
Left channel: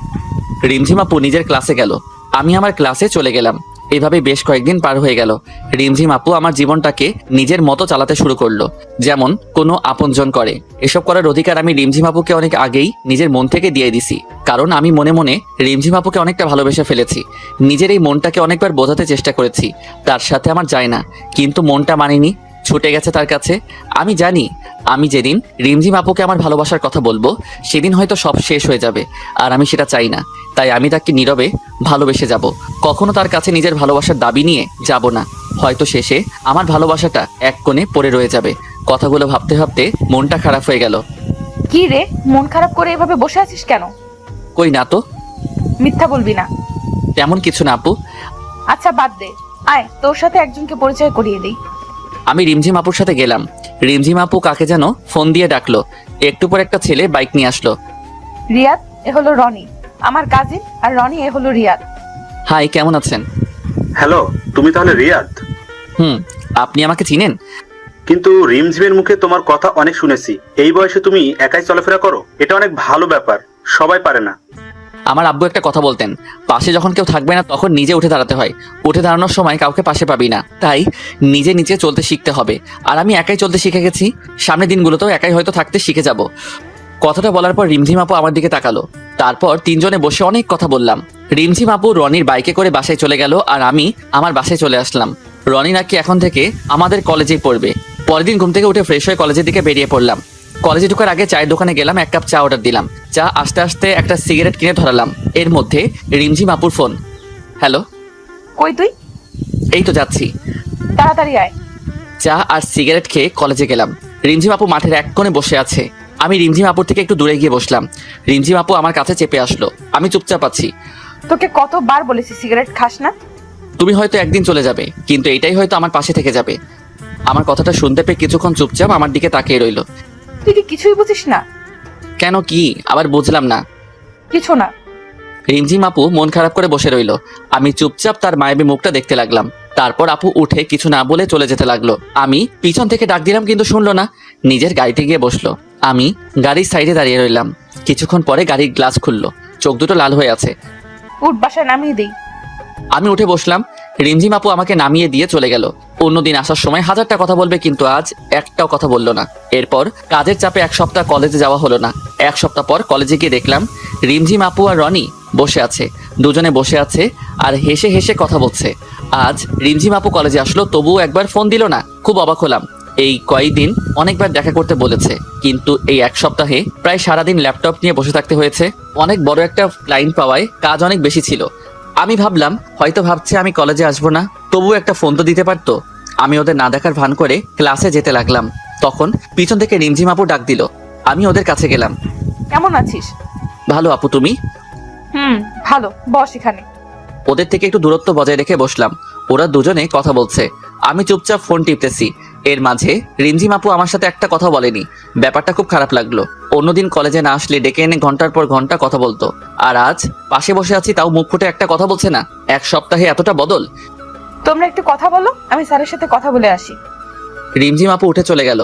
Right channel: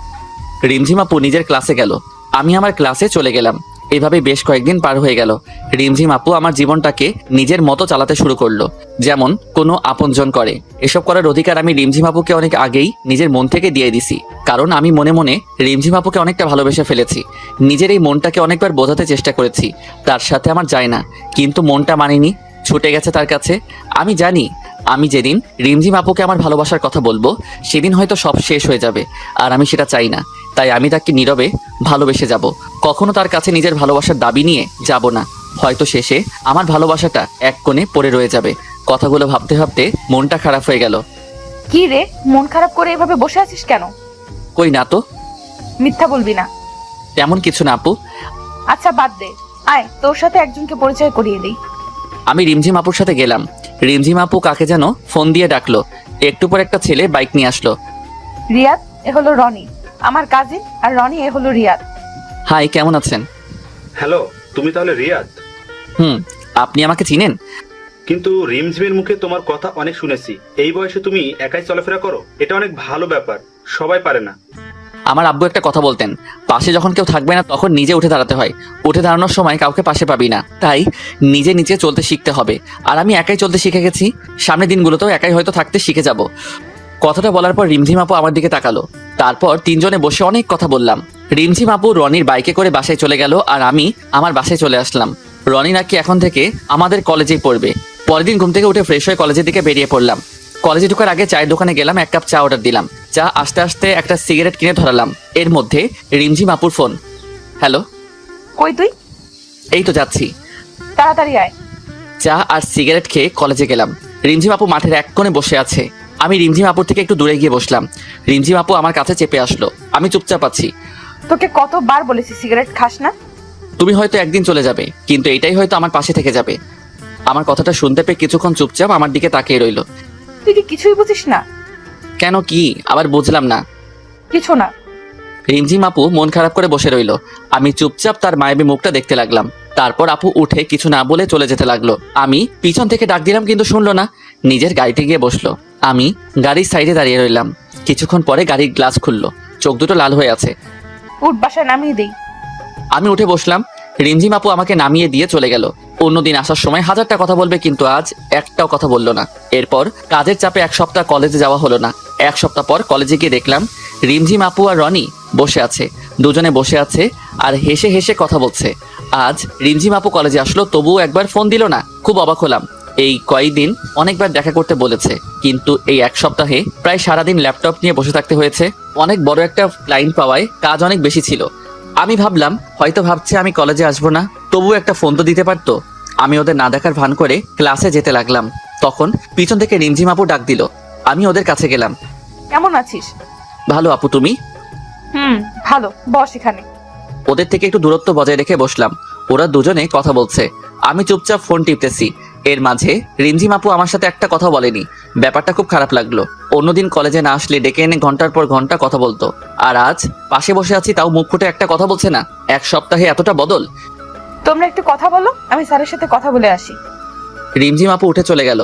রিমঝিম আপু নিজের ক্লাসে গেল, আমি আমার ক্লাসে চলে গেলাম। এভাবে বেশ কয়েকদিন পার হয়ে গেল। রিমঝিম আপু আমার জীবনটাকে নিজের মতো চালাতে শুরু করলো, যেমন কোনো আপনজন করে। এসব করার অধিকার আমি রিমঝিম আপুকে অনেক আগেই নিজের মন থেকে দিয়ে দিছি, কারণ আমি মনে মনে রিমঝিম আপুকে অনেকটা ভালোবেসে ফেলেছি। নিজের এই মনটাকে অনেকবার বোঝাতে চেষ্টা করেছি তার সাথে আমার যায় না, কিন্তু মনটা মানেনি, ছুটে গেছে তার কাছে। আমি জানি আমি যেদিন রিমঝিম আপুকে আমার ভালোবাসার কথা বলবো সেদিন হয়তো সব শেষ হয়ে যাবে, আর আমি সেটা চাই না। তাই আমি তাকে নীরবে ভালোবেসে যাব, কখনো তার কাছে নিজের ভালোবাসার দাবি নিয়ে যাব না। হয়তো শেষে আমার ভালোবাসাটা এক কোণে পড়ে রয়ে যাবে। কথাগুলো ভাবতে ভাবতে মনটা খারাপ হয়ে গেল। কি রে, মন খারাপ করে এভাবে বসে আছিস কেন? কই না তো। মিথ্যা বলবি না। তেমন কিছু না আপু। আচ্ছা বাদ দে, আয় তোর সাথে একজনকে পরিচয় করিয়ে দিই। আমি রিমঝিম আপুর সাথে গেলাম। রিমঝিম আপু কাকে যেন ফোন দিয়ে ডাকলো। একটু পর একটা ছেলে বাইক নিয়ে আসলো। রিয়াদ, এ হলো রনি, আমার কাজিন, আর রনি এ হলো রিয়াদ। হাই, কেমন আছেন? হ্যালো, তুমি তাহলে রিয়াদ? আপনি আমাকে চিনেন? কিন্তু রিমঝিমের মুখে তোমার কথা অনেক শুনেছি। এই বয়সে তুমি একাই চলাফেরা করো, এটা অনেক ভালো ব্যাপার, সবাই পারে না। আমার আব্বু একটা কথা বলতেন, পাশে যখন কেউ থাকবে না তখন নিজে উঠে দাঁড়াতে হয়। উঠে দাঁড়ানোর সময় কাউকে পাশে পাবি না, তাই নিজে নিজে চলতে শিখতে হবে। আর আমি একাই চলতে শিখে গেছি, সামনের দিনগুলোতেও একাই হয়তো থাকতে শিখে যাব। কথাটা বলার পর রিমঝিম আপু আমার দিকে তাকালো। তারপর তিনজনে বসে অনেক কথা বললাম। রিমঝিম আপু রনির বাইকে করে বাসায় চলে গেল, আর আমি আমার বাসায় চলে আসলাম। রনি নাকি এখন থেকে আমাদের কলেজেই পড়বে। পরের দিন ঘুম থেকে উঠে ফ্রেশ হয়ে কলেজের দিকে বেরিয়ে পড়লাম। কলেজে ঢোকার আগে চায়ের দোকানে গেলাম, 1 কাপ চা অর্ডার দিলাম। চা আসতে আসতে একটা সিগারেট কিনে ধরালাম, এর মধ্যে রিমঝিম আপুর ফোন। হ্যালো। কই তুই? এই তো যাচ্ছি। তাড়াতাড়ি আয়। চা আর সিগারেট খেয়ে কলেজে গেলাম। রিমঝিম আপু মাঠের এক কোণে বসে আছে। আমি রিমঝিম আপুর থেকে একটু দূরে গিয়ে বসলাম। রিমঝিম আপু আমার কাছে চেপে আসলো। আমি চুপচাপ আছি। তোকে কতবার বলেছি সিগারেট খাস না? তুমি হয়তো একদিন চলে যাবে, কিন্তু এটাই হয়তো আমার পাশে থেকে যাবে। আমার কথাটা শুনতে পেয়ে কিছুক্ষণ চুপচাপ আমার দিকে তাকিয়ে রইলো। তুই কি কিছুই বুঝিস না? কেন, কি আবার বুঝলাম না। কিছু না। রিমঝিম আপু মন খারাপ করে বসে রইলো। আমি চুপচাপ তার মায়াবী মুখটা দেখতে লাগলাম। তারপর আপু উঠে কিছু না বলে চলে যেতে লাগলো। আমি পিছন থেকে ডাক দিলাম কিন্তু শুনলো না, নিজের গাড়িতে গিয়ে বসলো। আমি গাড়ির সাইডে দাঁড়িয়ে রইলাম। কিছুক্ষণ পরে গাড়ির গ্লাস খুললো, চোখ দুটো লাল হয়ে আছে। উঠ, বাসায় নামিয়ে দিই। আমি উঠে বসলাম। রিমঝিম আপু আমাকে নামিয়ে দিয়ে চলে গেল। অন্যদিন আসার সময় 1000টা কথা বলবে, কিন্তু আজ একটাও কথা বললো না। এরপর কাজের চাপে 1 সপ্তাহ কলেজে যাওয়া হলো না। 1 সপ্তাহ পর কলেজে গিয়ে দেখলাম রিমঝিম আপু আর রনি বসে আছে। দুজনে বসে আছে আর হেসে হেসে কথা বলছে। আজ রিমঝিম আপু কলেজে আসলো, তবুও একবার ফোন দিল না। খুব অবাক হলাম। এই কয়েকদিন অনেকবার দেখা করতে বলেছে, কিন্তু এই 1 সপ্তাহে প্রায় সারাদিন ল্যাপটপ নিয়ে বসে থাকতে হয়েছে। অনেক বড় একটা ক্লায়েন্ট পাওয়ায় কাজ অনেক বেশি ছিল। আমি ভাবলাম হয়তো ভাবছে আমি কলেজে আসবো না, তবুও একটা ফোন তো দিতে পারতো। আমি ওদের না দেখার ভান করে ক্লাসে যেতে লাগলাম। তখন পিছন থেকে রিমঝিম আপু ডাক দিল। আমি ওদের কাছে গেলাম। কেমন আছিস? ভালো আপু, তুমি? ভালো, বস এখানে। ওদের থেকে একটু দূরত্ব বজায় রেখে বসলাম। ওরা দুজনে কথা বলছে, আমি চুপচাপ ফোন টিপতেছি। এর মাঝে রিমঝিম আপু আমার সাথে একটা কথা বলেনি। ব্যাপারটা খুব খারাপ লাগলো। অন্যদিন কলেজে না আসলে ডেকে এনে ঘন্টার পর ঘন্টা কথা বলতো, আর আজ পাশে বসে আছি তাও মুখ ফুটে একটা কথা বলছে না। 1 সপ্তাহে এতটা বদল। তোমরা একটু কথা বলো, আমি স্যারের সাথে কথা বলে আসি। রিমঝিম আপু উঠে চলে গেল।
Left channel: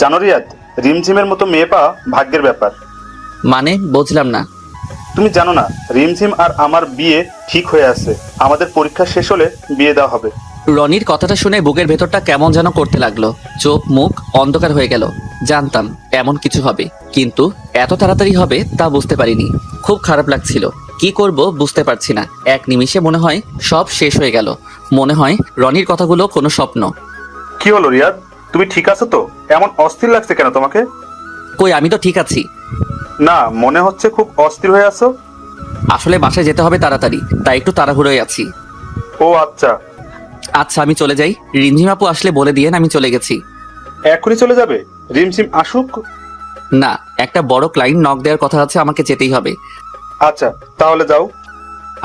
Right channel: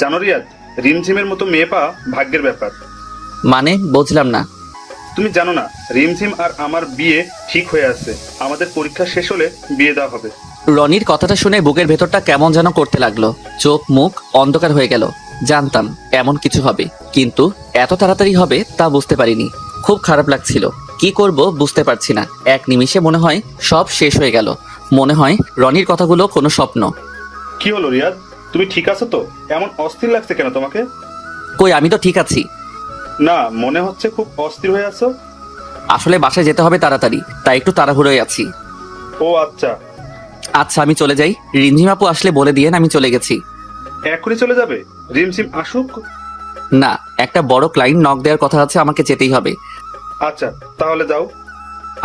জানো রিয়াদ, রিমঝিমের মতো মেয়ে পাওয়া ভাগ্যের ব্যাপার। মানে বুঝলাম না। তুমি জানো না, রিমঝিম আর আমার বিয়ে ঠিক হয়ে আছে। আমাদের পরীক্ষা শেষ হলে বিয়ে দেওয়া হবে। রনির কথাটা শুনে বুকের ভেতরটা কেমন যেন করতে লাগলো। চোখ মুখ অন্ধকার হয়ে গেল। জানতাম এমন কিছু হবে, কিন্তু এত তাড়াতাড়ি হবে তা বুঝতে পারিনি। খুব খারাপ লাগছিল, কি করব বুঝতে পারছি না। এক নিমিষে মনে হয় সব শেষ হয়ে গেল। মনে হয় রনির কথাগুলো কোনো স্বপ্ন। কি হলো রিয়াদ, তুমি ঠিক আছো তো? এমন অস্থির লাগছে কেন তোমাকে? কই, আমি তো ঠিক আছি। না, মনে হচ্ছে খুব অস্থির হয়ে আছো। আসলে বাসায় যেতে হবে তাড়াতাড়ি, তাই একটু তাড়াহুড়োয় আছি। ও আচ্ছা। আচ্ছা আমি চলে যাই, রিমঝিম আপু আসলে বলে দিয়েন আমি চলে গেছি। এখনই চলে যাবে? রিমঝিম আসুক। না, একটা বড় ক্লায়েন্ট নক দেওয়ার কথা আছে, আমাকে যেতেই হবে। আচ্ছা, তাহলে যাও।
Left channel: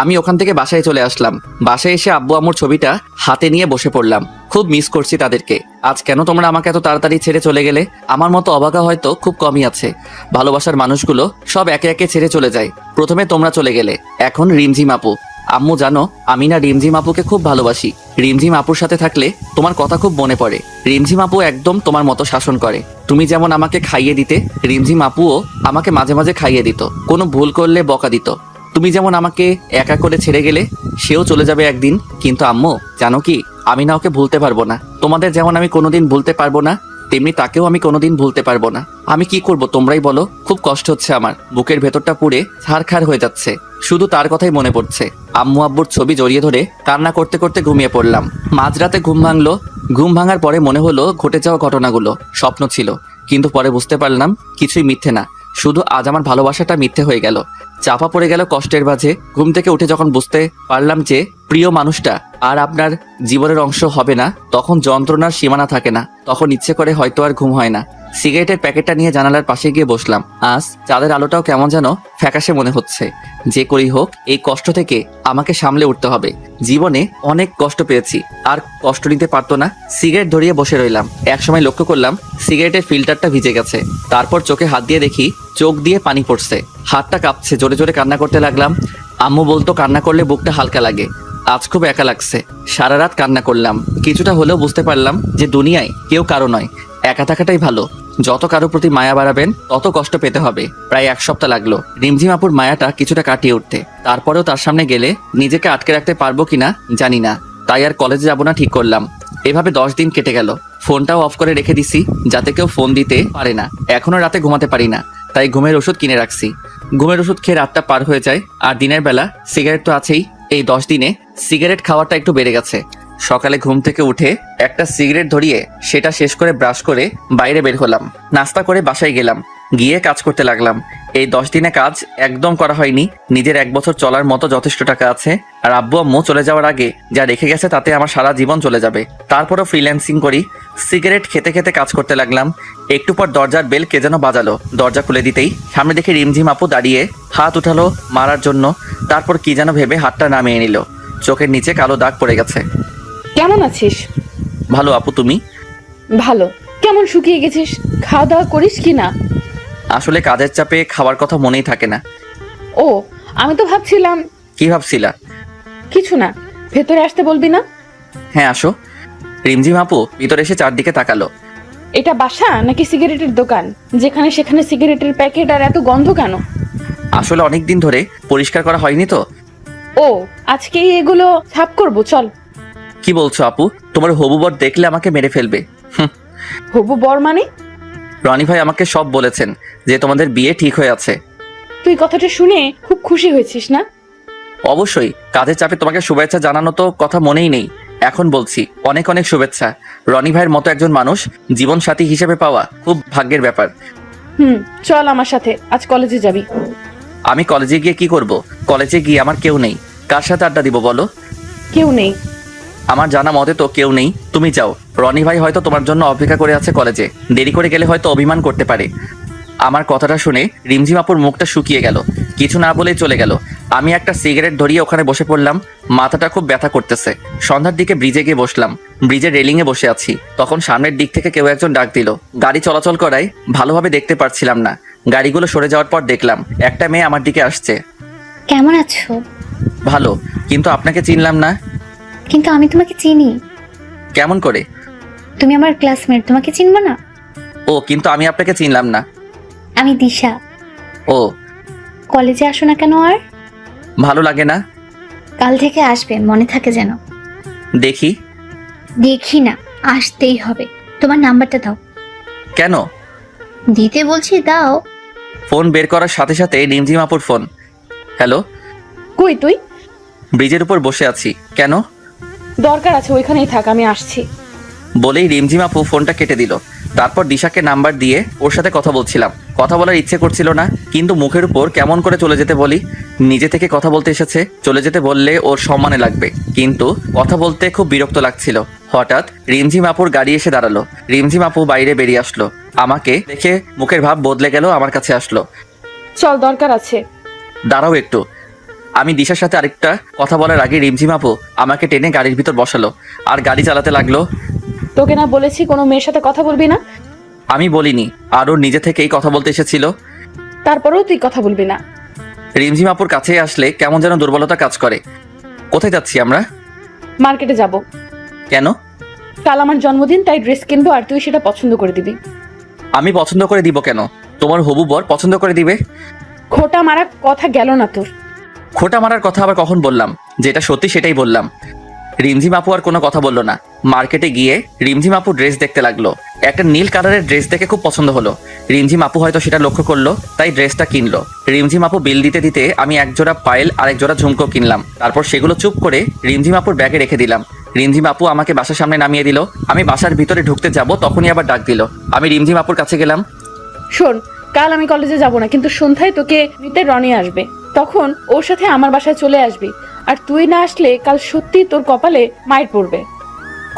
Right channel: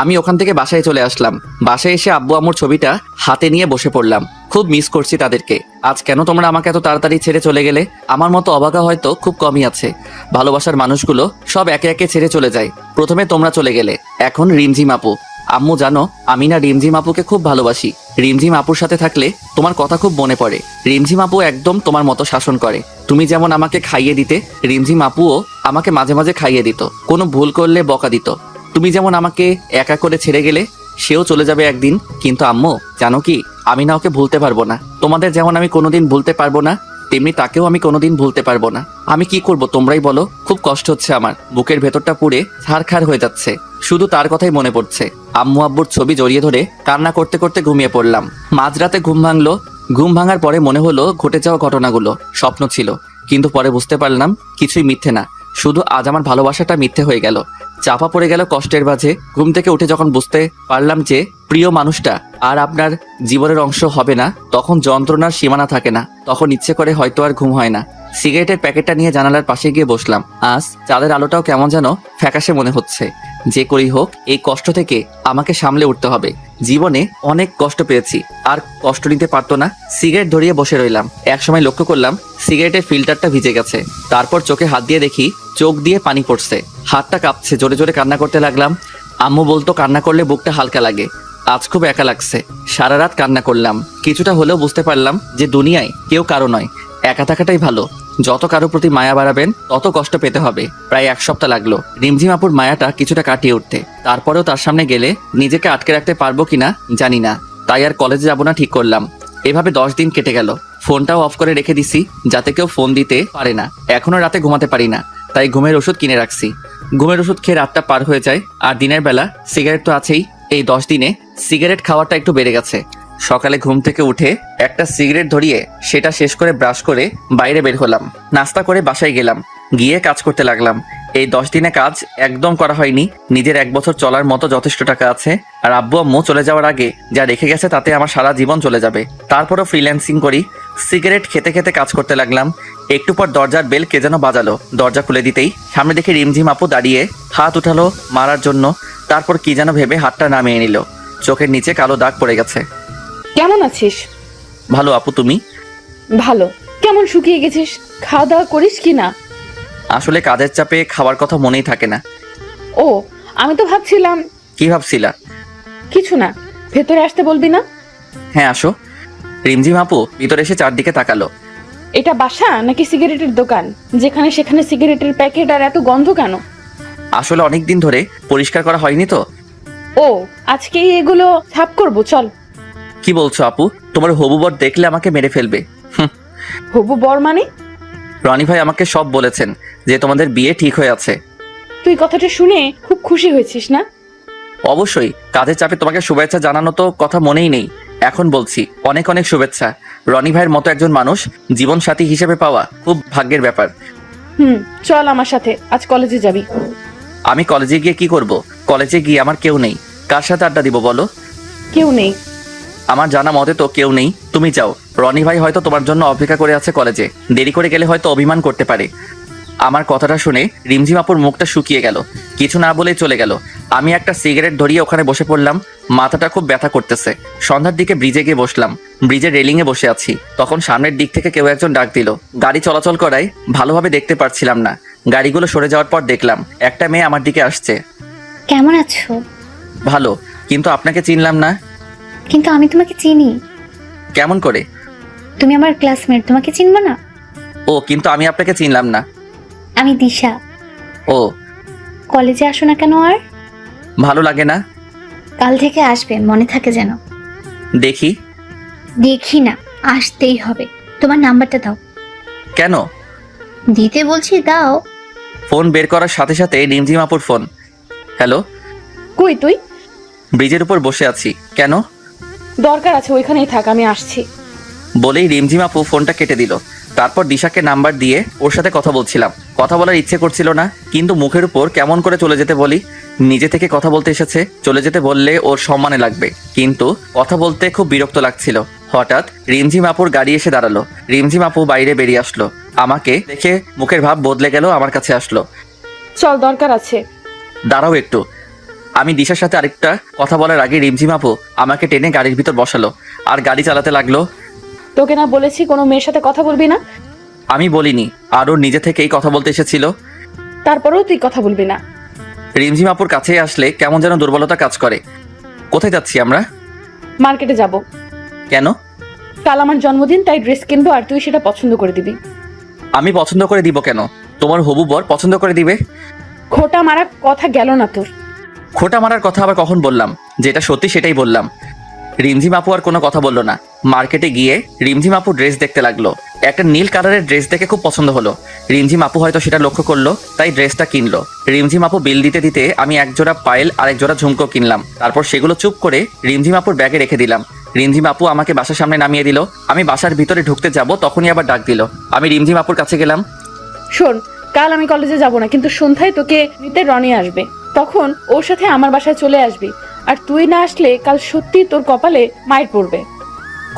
আমি ওখান থেকে বাসায় চলে আসলাম। বাসায় এসে আব্বু আম্মুর ছবিটা হাতে নিয়ে বসে পড়লাম। খুব মিস করছি তাদেরকে। আজ কেন তোমরা আমাকে এত তাড়াতাড়ি ছেড়ে চলে গেলে? আমার মতো অবাকা হয়তো খুব কমই আছে। ভালোবাসার মানুষগুলো সব একে একে ছেড়ে চলে যায়। প্রথমে তোমরা চলে গেলে, এখন রিমঝিম আপু। আম্মু জানো, আমি না রিমঝিম আপুকে খুব ভালোবাসি। রিমঝিম আপুর সাথে থাকলে তোমার কথা খুব মনে পড়ে। রিমঝিম আপু একদম তোমার মতো শাসন করে। তুমি যেমন আমাকে খাইয়ে দিতে, রিমঝিম আপুও আমাকে মাঝে মাঝে খাইয়ে দিত। কোনো ভুল করলে বকা দিত। তুমি যেমন আমাকে একা করে ছেড়ে গেলে, সেও চলে যাবে একদিন। কিন্তু আম্মু জানো কি, আমি না ওকে ভুলতে পারবো না। তোমাদের যেমন আমি কোনোদিন ভুলতে পারবো না, তেমনি তাকেও আমি কোনোদিন ভুলতে পারবো না। আমি কি করব তোমরাই বলো। খুব কষ্ট হচ্ছে আমার, বুকের ভেতরটা পুড়ে ছারখার হয়ে যাচ্ছে। শুধু তার কথাই মনে পড়ছে। আম্মু আব্বুর ছবি জড়িয়ে ধরে কান্না করতে করতে ঘুমিয়ে পড়লাম। মাঝরাতে ঘুম ভাঙলো। ঘুম ভাঙার পরে মনে হলো ঘটে যাওয়া ঘটনাগুলো স্বপ্ন ছিল। কিন্তু পরে বুঝতে পারলাম কিছুই মিথ্যে না, শুধু আজ আমার ভালোবাসাটা মিথ্যে হয়ে গেল। চাপা পড়ে গেল কষ্টের মাঝে। ঘুম থেকে উঠে যখন বুঝতে পারলাম যে প্রিয় মানুষটা আর আপনার জীবনের অংশ হবে না, তখন যন্ত্রণার সীমানা থাকে না। তখন ইচ্ছে করে হয়তো আর ঘুম হয় না। সিগারেটের প্যাকেটটা নিয়ে জানালার পাশে গিয়ে বসলাম। আজ চাঁদের আলোটাও কেমন যেন ফ্যাকাশে মনে হচ্ছে। যে করেই হোক, এই কষ্ট থেকে আমাকে সামলে উঠতে হবে। জীবনে অনেক কষ্ট পেয়েছি, আর কষ্ট নিতে পারতো না। সিগারেট ধরিয়ে বসে রইলাম। একসময় লক্ষ্য করলাম সিগারেটের ফিল্টারটা ভিজে গেছে। তারপর চোখে হাত দিয়ে দেখি চোখ দিয়ে পানি পড়ছে। হাতটা কাঁপছে। জোরে জোরে কান্না করতে লাগলাম। আম্মু বলতো কান্না করলে বুকটা হালকা লাগে। আজ খুব একা লাগছে। সারা রাত কান্না করলাম। কিছুটা হলেও বুঝতে পারলাম যে দুনিয়ায় কেউ কারো নয়, একা থাকাটাই ভালো। যত কারো প্রতি মায়া বাড়াবেন তত কষ্ট পেতে হবে। প্রায় 1 সপ্তাহ লাগলো রিমঝিম আপুর মায়াটা কিছুটা কাটিয়ে উঠতে। তারপরেও তার সামনে গেলে নিজেকে আটকে রাখতে পারবো কিনা জানি না। তাই আর কলেজে যাবো না ঠিক করলাম। এভাবে 10 দিন কেটে গেল। ফোনটাও অফ করে রেখে দিছি, যাতে কেউ ফোন দিতে পারে না। এখনো রাতে ঘুমাতে পারি না, তাই ঘুমের ওষুধ কিনে রাখছি। ঘুমের ওষুধ খেয়ে রাতটা পার হয়ে যায়। আর দিনের বেলা সিগারেট তো আছেই। এই 10 দিনে সিগারেট খাওয়াটা একটু বেড়ে গেছে। সকালে ঘুম থেকে উঠে একটা সিগারেট ধরিয়ে সেটা শেষ করে ব্রাশ করে বাইরে বের হলাম। নাস্তা করে বাসায় গেলাম। গিয়ে কাজ করতে লাগলাম। এই 10 দিনে কাজ একদম করা হয়নি। নিজের 1 বছর চলার মতো যথেষ্ট টাকা আছে। আর আব্বু আম্মু চলে যাওয়ার আগে যা রেখে গেছে তাতে আমার সারা জীবন চলে যাবে। তারপরও ফ্রিল্যান্সিং করি। সিগারেট খেতে খেতে কাজ করতে লাগলাম। একটু পর দরজার বেল কে যেন বাজালো। দরজা খুলে দিতেই সামনে দেখি রিমঝিম আপু দাঁড়িয়ে হাত উঠালো মারার জন্য। তারপর কি যেন ভেবে হাতটা নামিয়ে নিল। চোখের নিচে কালো দাগ পড়ে গেছে। কেমন আছিস? ভালো আপু, তুমি? ভালো। কেমন শুকিয়ে গেছিস? খাওয়া দাওয়া করিস কিনা? আসলে কাজের চাপে খাওয়ার কথা মনেই থাকে না। ও, আমি তো ভাবছিলাম। কি ভাবছিলাম? কিছু না, ভেতরে আসতে বলবি না? হ্যাঁ আসো। রিমঝিম আপু ভিতরে এসে চারদিকে তাকালো। এটা বাসা নাকি সিগারেটের দোকান? যেখানে সেখানে সিগারেটের প্যাকেট আর এত গন্ধ কেন? আসলে অনেকদিন ধরে পরিষ্কার করা হয়নি তো। ও, আজকে এগুলো সাফ করবো, চল। কি বলছো আপু? তোমার হবু বর দেখলে আমাকে মেরে ফেলবে। হবু বর মানে? রনি ভাই আমাকে সব বলেছেন যে তোমাদের বিয়ে ঠিক হয়ে আছে। তুই কথাটা শুনে খুব খুশি হয়েছিস না? অবশ্যই। কাজের চাপে তোমাকে শুভেচ্ছা জানানো তো কথা মনেই নেই। এখন বলছি অনেক অনেক শুভেচ্ছা। রনি ভাইয়ের মতো একজন মানুষ জীবন সাথী হিসেবে পাওয়া খুব ভাগ্যের ব্যাপার। চল আমার সাথে, আজ কলেজে যাবি। আমি কলেজে গিয়ে কি করব? কলেজে গিয়ে আমার কেউ নেই। কার সাথে আড্ডা দিব বলো? কেউ নেই। আমার জানা মতে তো কেউ নেই। তুমি যাও। রনি ভাই হয়তো তোমার জন্য অপেক্ষা করে আছে কলেজে। দেরি করে গেলে হয়তো অভিমান করতে পারে। আমার কথাটা শুনে রিমঝিম আপুর মুখটা শুকিয়ে গেল। কিছু না বলে চলে গেল। আমি একটা সিগারেট ধরিয়ে ওখানে বসে পড়লাম। মাথাটা খুব ব্যথা করতেছে। সন্ধ্যার দিকে ব্রিজে গিয়ে বসলাম। ব্রিজের রেলিং এ বসে আছি। তখন সামনের দিক থেকে কেউ একজন ডাক দিল। গাড়ি চলাচল করায় ভালোভাবে দেখতে পারছিলাম না। গাড়িগুলো সরে যাওয়ার পর দেখলাম একটা মেয়ে আমার দিকে আসছে। কেমন আছো? ভালো, কিন্তু আপনাকে চিনলাম না। কিন্তু আমি তোমাকে চিনি। কেমন করে? তুমি আমার ক্লাসমেট, তোমাকে চিনবো না? ও, কিন্তু আমি আপনাকে চিনলাম না। আমি দিশা। ও, কলেজে আসো না কেন আর? ভালো লাগে না। কাল থেকে আসবে, মনে থাকে যেন। দেখি। দেখি না, আসতেই হবে। তোমার নাম্বারটা দাও। কেন? দিতে বলছি, দাও। ফোন বের করার সাথে সাথে রিমঝিম আপুর ফোন। হ্যালো। কই তুই? ব্রিজের উপর বসে আছি। কেন? দরকার আছে, ওইখানেই থাক, আমি আসছি। বলেই রিমঝিম আপু ফোনটা কেটে দিল। তারপর দিশাকে নাম্বার দিয়ে ওর সাথে কথা বলছিলাম। কথা বলার ইচ্ছে করছিল না, কিন্তু মুখের উপর কেমন করে চলে যেতে বলি। নিজে থেকে কথা বলতে এসেছে, চলে যেতে বললে ওর সম্মানে লাগবে, কিন্তু কথা বলতে খুব বিরক্ত লাগছিল। হঠাৎ রিমঝিম আপুর গাড়ি এসে দাঁড়ালো। রিমঝিম আপু বাইরে বেরিয়ে আসলো, আমাকে দেখে মুখের ভাব বদলে গেল, আমার কাছে আসলো। চল, দরকার আছে। দাঁড়াও একটু। আমি দিশার সাথে আরেকটা কথা বলার আগে রিমঝিম আপু আমাকে টেনে গাড়ির ভিতর বসালো আর গাড়ি চালাতে লাগলো। তোকে না বলেছি কোনো মেয়ের সাথে কথা বলবি না? আমি বলিনি, আর ওর নিজে থেকেই কথা বলতে এসেছিল। তারপরেও তুই কথা বলবি না? রিমঝিম আপুর কাছে আসলে কেমন যেন দুর্বলতা কাজ করে। কোথায় যাচ্ছি আমরা? মার্কেটে যাব। কেন? কাল আমার জন্মদিন, তাই ড্রেস কিনবো আর তুই সেটা পছন্দ করে দিবি। আমি পছন্দ করে দিব কেন? তোমার হবু বর পছন্দ করে দিবে। খোটা মারা কথা গেল না তোর? খোটা মারার কথা আবার কখন বললাম? যেটা সত্যি সেটাই বললাম। রিমঝিম আপু আর কোনো কথা বললো না। মার্কেটে গিয়ে রিমঝিম আপু ড্রেস দেখতে লাগলো। একটা নীল কালারের ড্রেস দেখে খুব পছন্দ হলো। রিমঝিম আপু হয়তো সেটা লক্ষ্য করলো, তাই ড্রেসটা কিনলো। রিমঝিম আপু বিল দিতে দিতে আমি এক জোড়া পায়েল আর এক জোড়া ঝুমকো কিনলাম। তারপর সেগুলো চুপ করে রিমঝিম আপুর ব্যাগে রেখে দিলাম। রিমঝিম আপু আমাকে বাসার সামনে নামিয়ে দিল। আমি বাসার ভিতরে ঢুকতে যাব, তখনই আবার ডাক দিল। আমি রিমঝিম আপুর কাছে গেলাম। শোন, কাল আমি কলেজে যাব না, কিন্তু সন্ধ্যায় তোকে নিতে রনি আসবে। তখন ওর সাথে আমার বাসায় চলে আসবি। আর তুই না আসলে কাল সত্যি তোর কপালে মাইর পড়বে।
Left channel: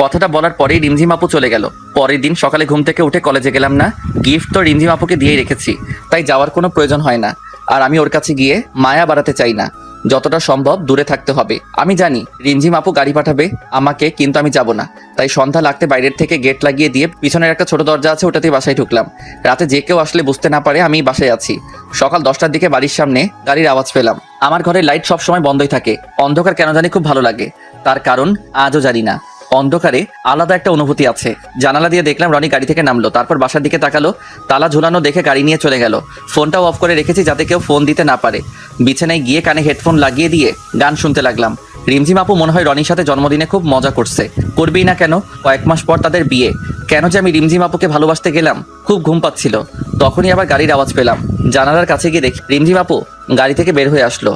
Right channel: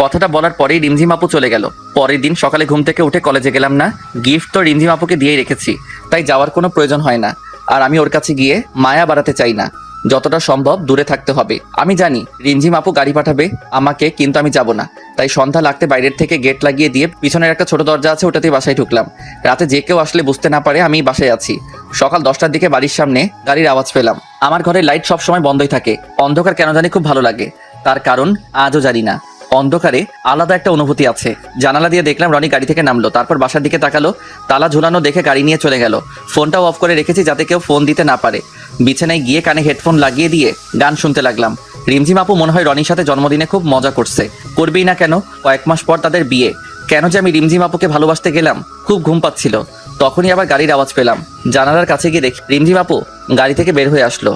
কথাটা বলার পরেই রিমঝিম আপু চলে গেল। পরের দিন সকালে ঘুম থেকে উঠে কলেজে গেলাম না। গিফট তো রিমঝিম আপুকে দিয়ে রেখেছি, তাই যাওয়ার কোনো প্রয়োজন হয় না। আর আমি ওর কাছে গিয়ে মায়া বাড়াতে চাই না। যতটা সম্ভব দূরে থাকতে হবে। আমি জানি রিমঝিম আপু গাড়ি পাঠাবে আমাকে, কিন্তু আমি যাব না। তাই সন্ধ্যা লাগতে বাইরের থেকে গেট লাগিয়ে দিয়ে পিছনের একটা ছোট দরজা আছে, ওটাতে বাসায় ঢুকলাম। রাতে যে কেউ আসলে বুঝতে না পারে আমি বাসায় আছি। সকাল 10টার দিকে বাড়ির সামনে গাড়ির আওয়াজ পেলাম। আমার ঘরের লাইট সবসময় বন্ধই থাকে। অন্ধকার কেন জানি খুব ভালো লাগে। তার কারণ আজও জানি না। অন্ধকারে আলাদা একটা অনুভূতি আছে। জানালা দিয়ে দেখলাম রনি গাড়ি থেকে নামলো, তারপর বাসার দিকে তাকালো। তালা ঝোলানো দেখে গাড়ি নিয়ে চলে গেল। ফোনটাও অফ করে রেখেছি যাতে কেউ ফোন দিতে না পারে। বিছানায় গিয়ে কানে হেডফোন লাগিয়ে দিয়ে গান শুনতে লাগলাম। রিমঝিম আপু মনে হয় রনির সাথে জন্মদিনে খুব মজা করছে। করবেই না কেন? কয়েক মাস পর তাদের বিয়ে। কেন যে আমি রিমঝিম আপুকে ভালোবাসতে গেলাম? খুব ঘুম পাচ্ছিল। তখনই আবার গাড়ির আওয়াজ পেলাম। জানালার কাছে গিয়ে দেখি রিমঝিম আপু গাড়ি থেকে বের হয়ে আসলো।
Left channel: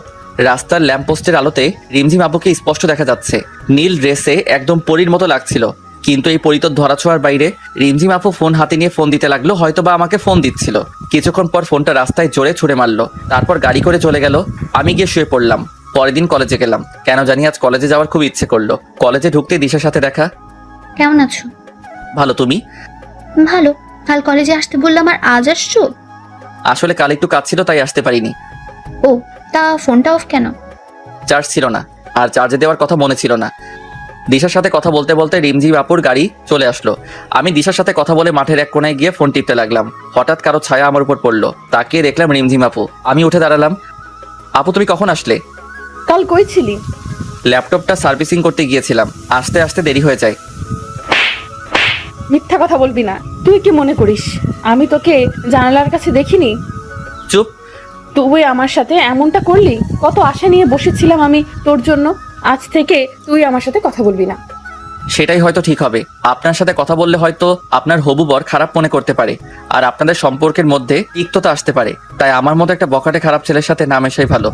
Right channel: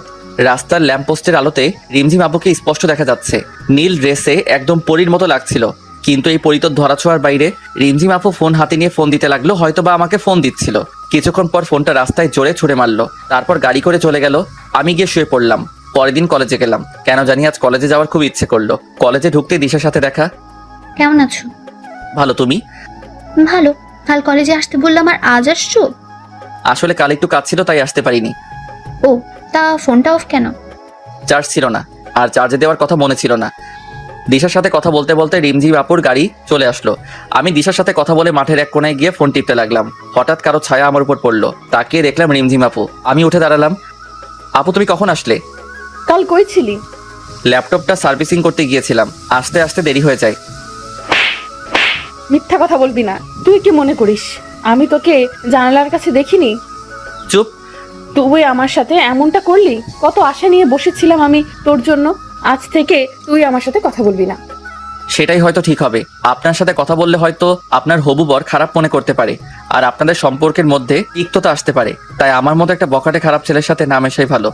রাস্তার ল্যাম্পপোস্টের আলোতে রিমঝিম আপুকে স্পষ্ট দেখা যাচ্ছে। নীল ড্রেসে একদম পরীর মতো লাগছিল। কিন্তু এই পরী তো ধরাছোঁয়ার বাইরে। রিমঝিম আপু ফোন হাতে নিয়ে ফোন দিতে লাগলো, হয়তো বা আমাকে ফোন দিচ্ছিল। কিছুক্ষণ পর ফোনটা রাস্তায় জোরে ছুড়ে মারলো, তারপর গাড়ি করে চলে গেল। আমি গিয়ে শুয়ে পড়লাম। পরের দিন কলেজে গেলাম। কেন জানি আজ কলেজে যাওয়ার খুব ইচ্ছে করলো। কলেজে ঢুকতে দিশার সাথে দেখা। কেমন আছো? ভালো, তুমি? ভালো। কাল কলেজে আসতে বললাম আর আজ আসছো? আসলে কাল একটু কাজ ছিল, তাই আসতে পারিনি। ও, তা ফোনটা অফ কেন? চার্জ ছিল না, আর চার্জে দেওয়ার কথা মনে ছিল না। দিশার সাথে কথা বলতে বলতে রিমঝিম আপুর গাড়ি চলে আসলো। আমি দিশার সাথে কথা বলে মাঠের এক কোণায় গিয়ে ফোন টিপতে লাগলাম। হঠাৎ কারো ছায়া আমার উপর পড়লো। তাকিয়ে দেখলাম রিমঝিম আপু। আমি উঠে দাঁড়ালাম। আপু, তুমি কখন আসলে? কাল কই ছিলি? ল্যাপটপটা সার্ভিসিং করতে গিয়েছিলাম। আসতে আসতে দেরি হয়ে যায়। মিথ্যা কথা বলবি না। তুই কি মনে করিস আমি তোকে জানালার কাছে দেখিনি? চুপ। তুই আমার সাথে এমনটা করলি? কত আশা নিয়ে বসেছিলাম আমি তোর জন্য। আজ থেকে তুই আমার সাথে কথা বলবি না। সেটাই হয়তো ঠিক হবে। আপনার সাথে কথা বললে হয়তো আপনার হবু বর খারাপ মনে করতে পারে, আর আপনাদের সম্পর্কের মধ্যে তিক্ততা আসতে পারে। তাই আমার মতো একটা বখাটে খারাপ ছেলের সাথে না মেশাই ভালো।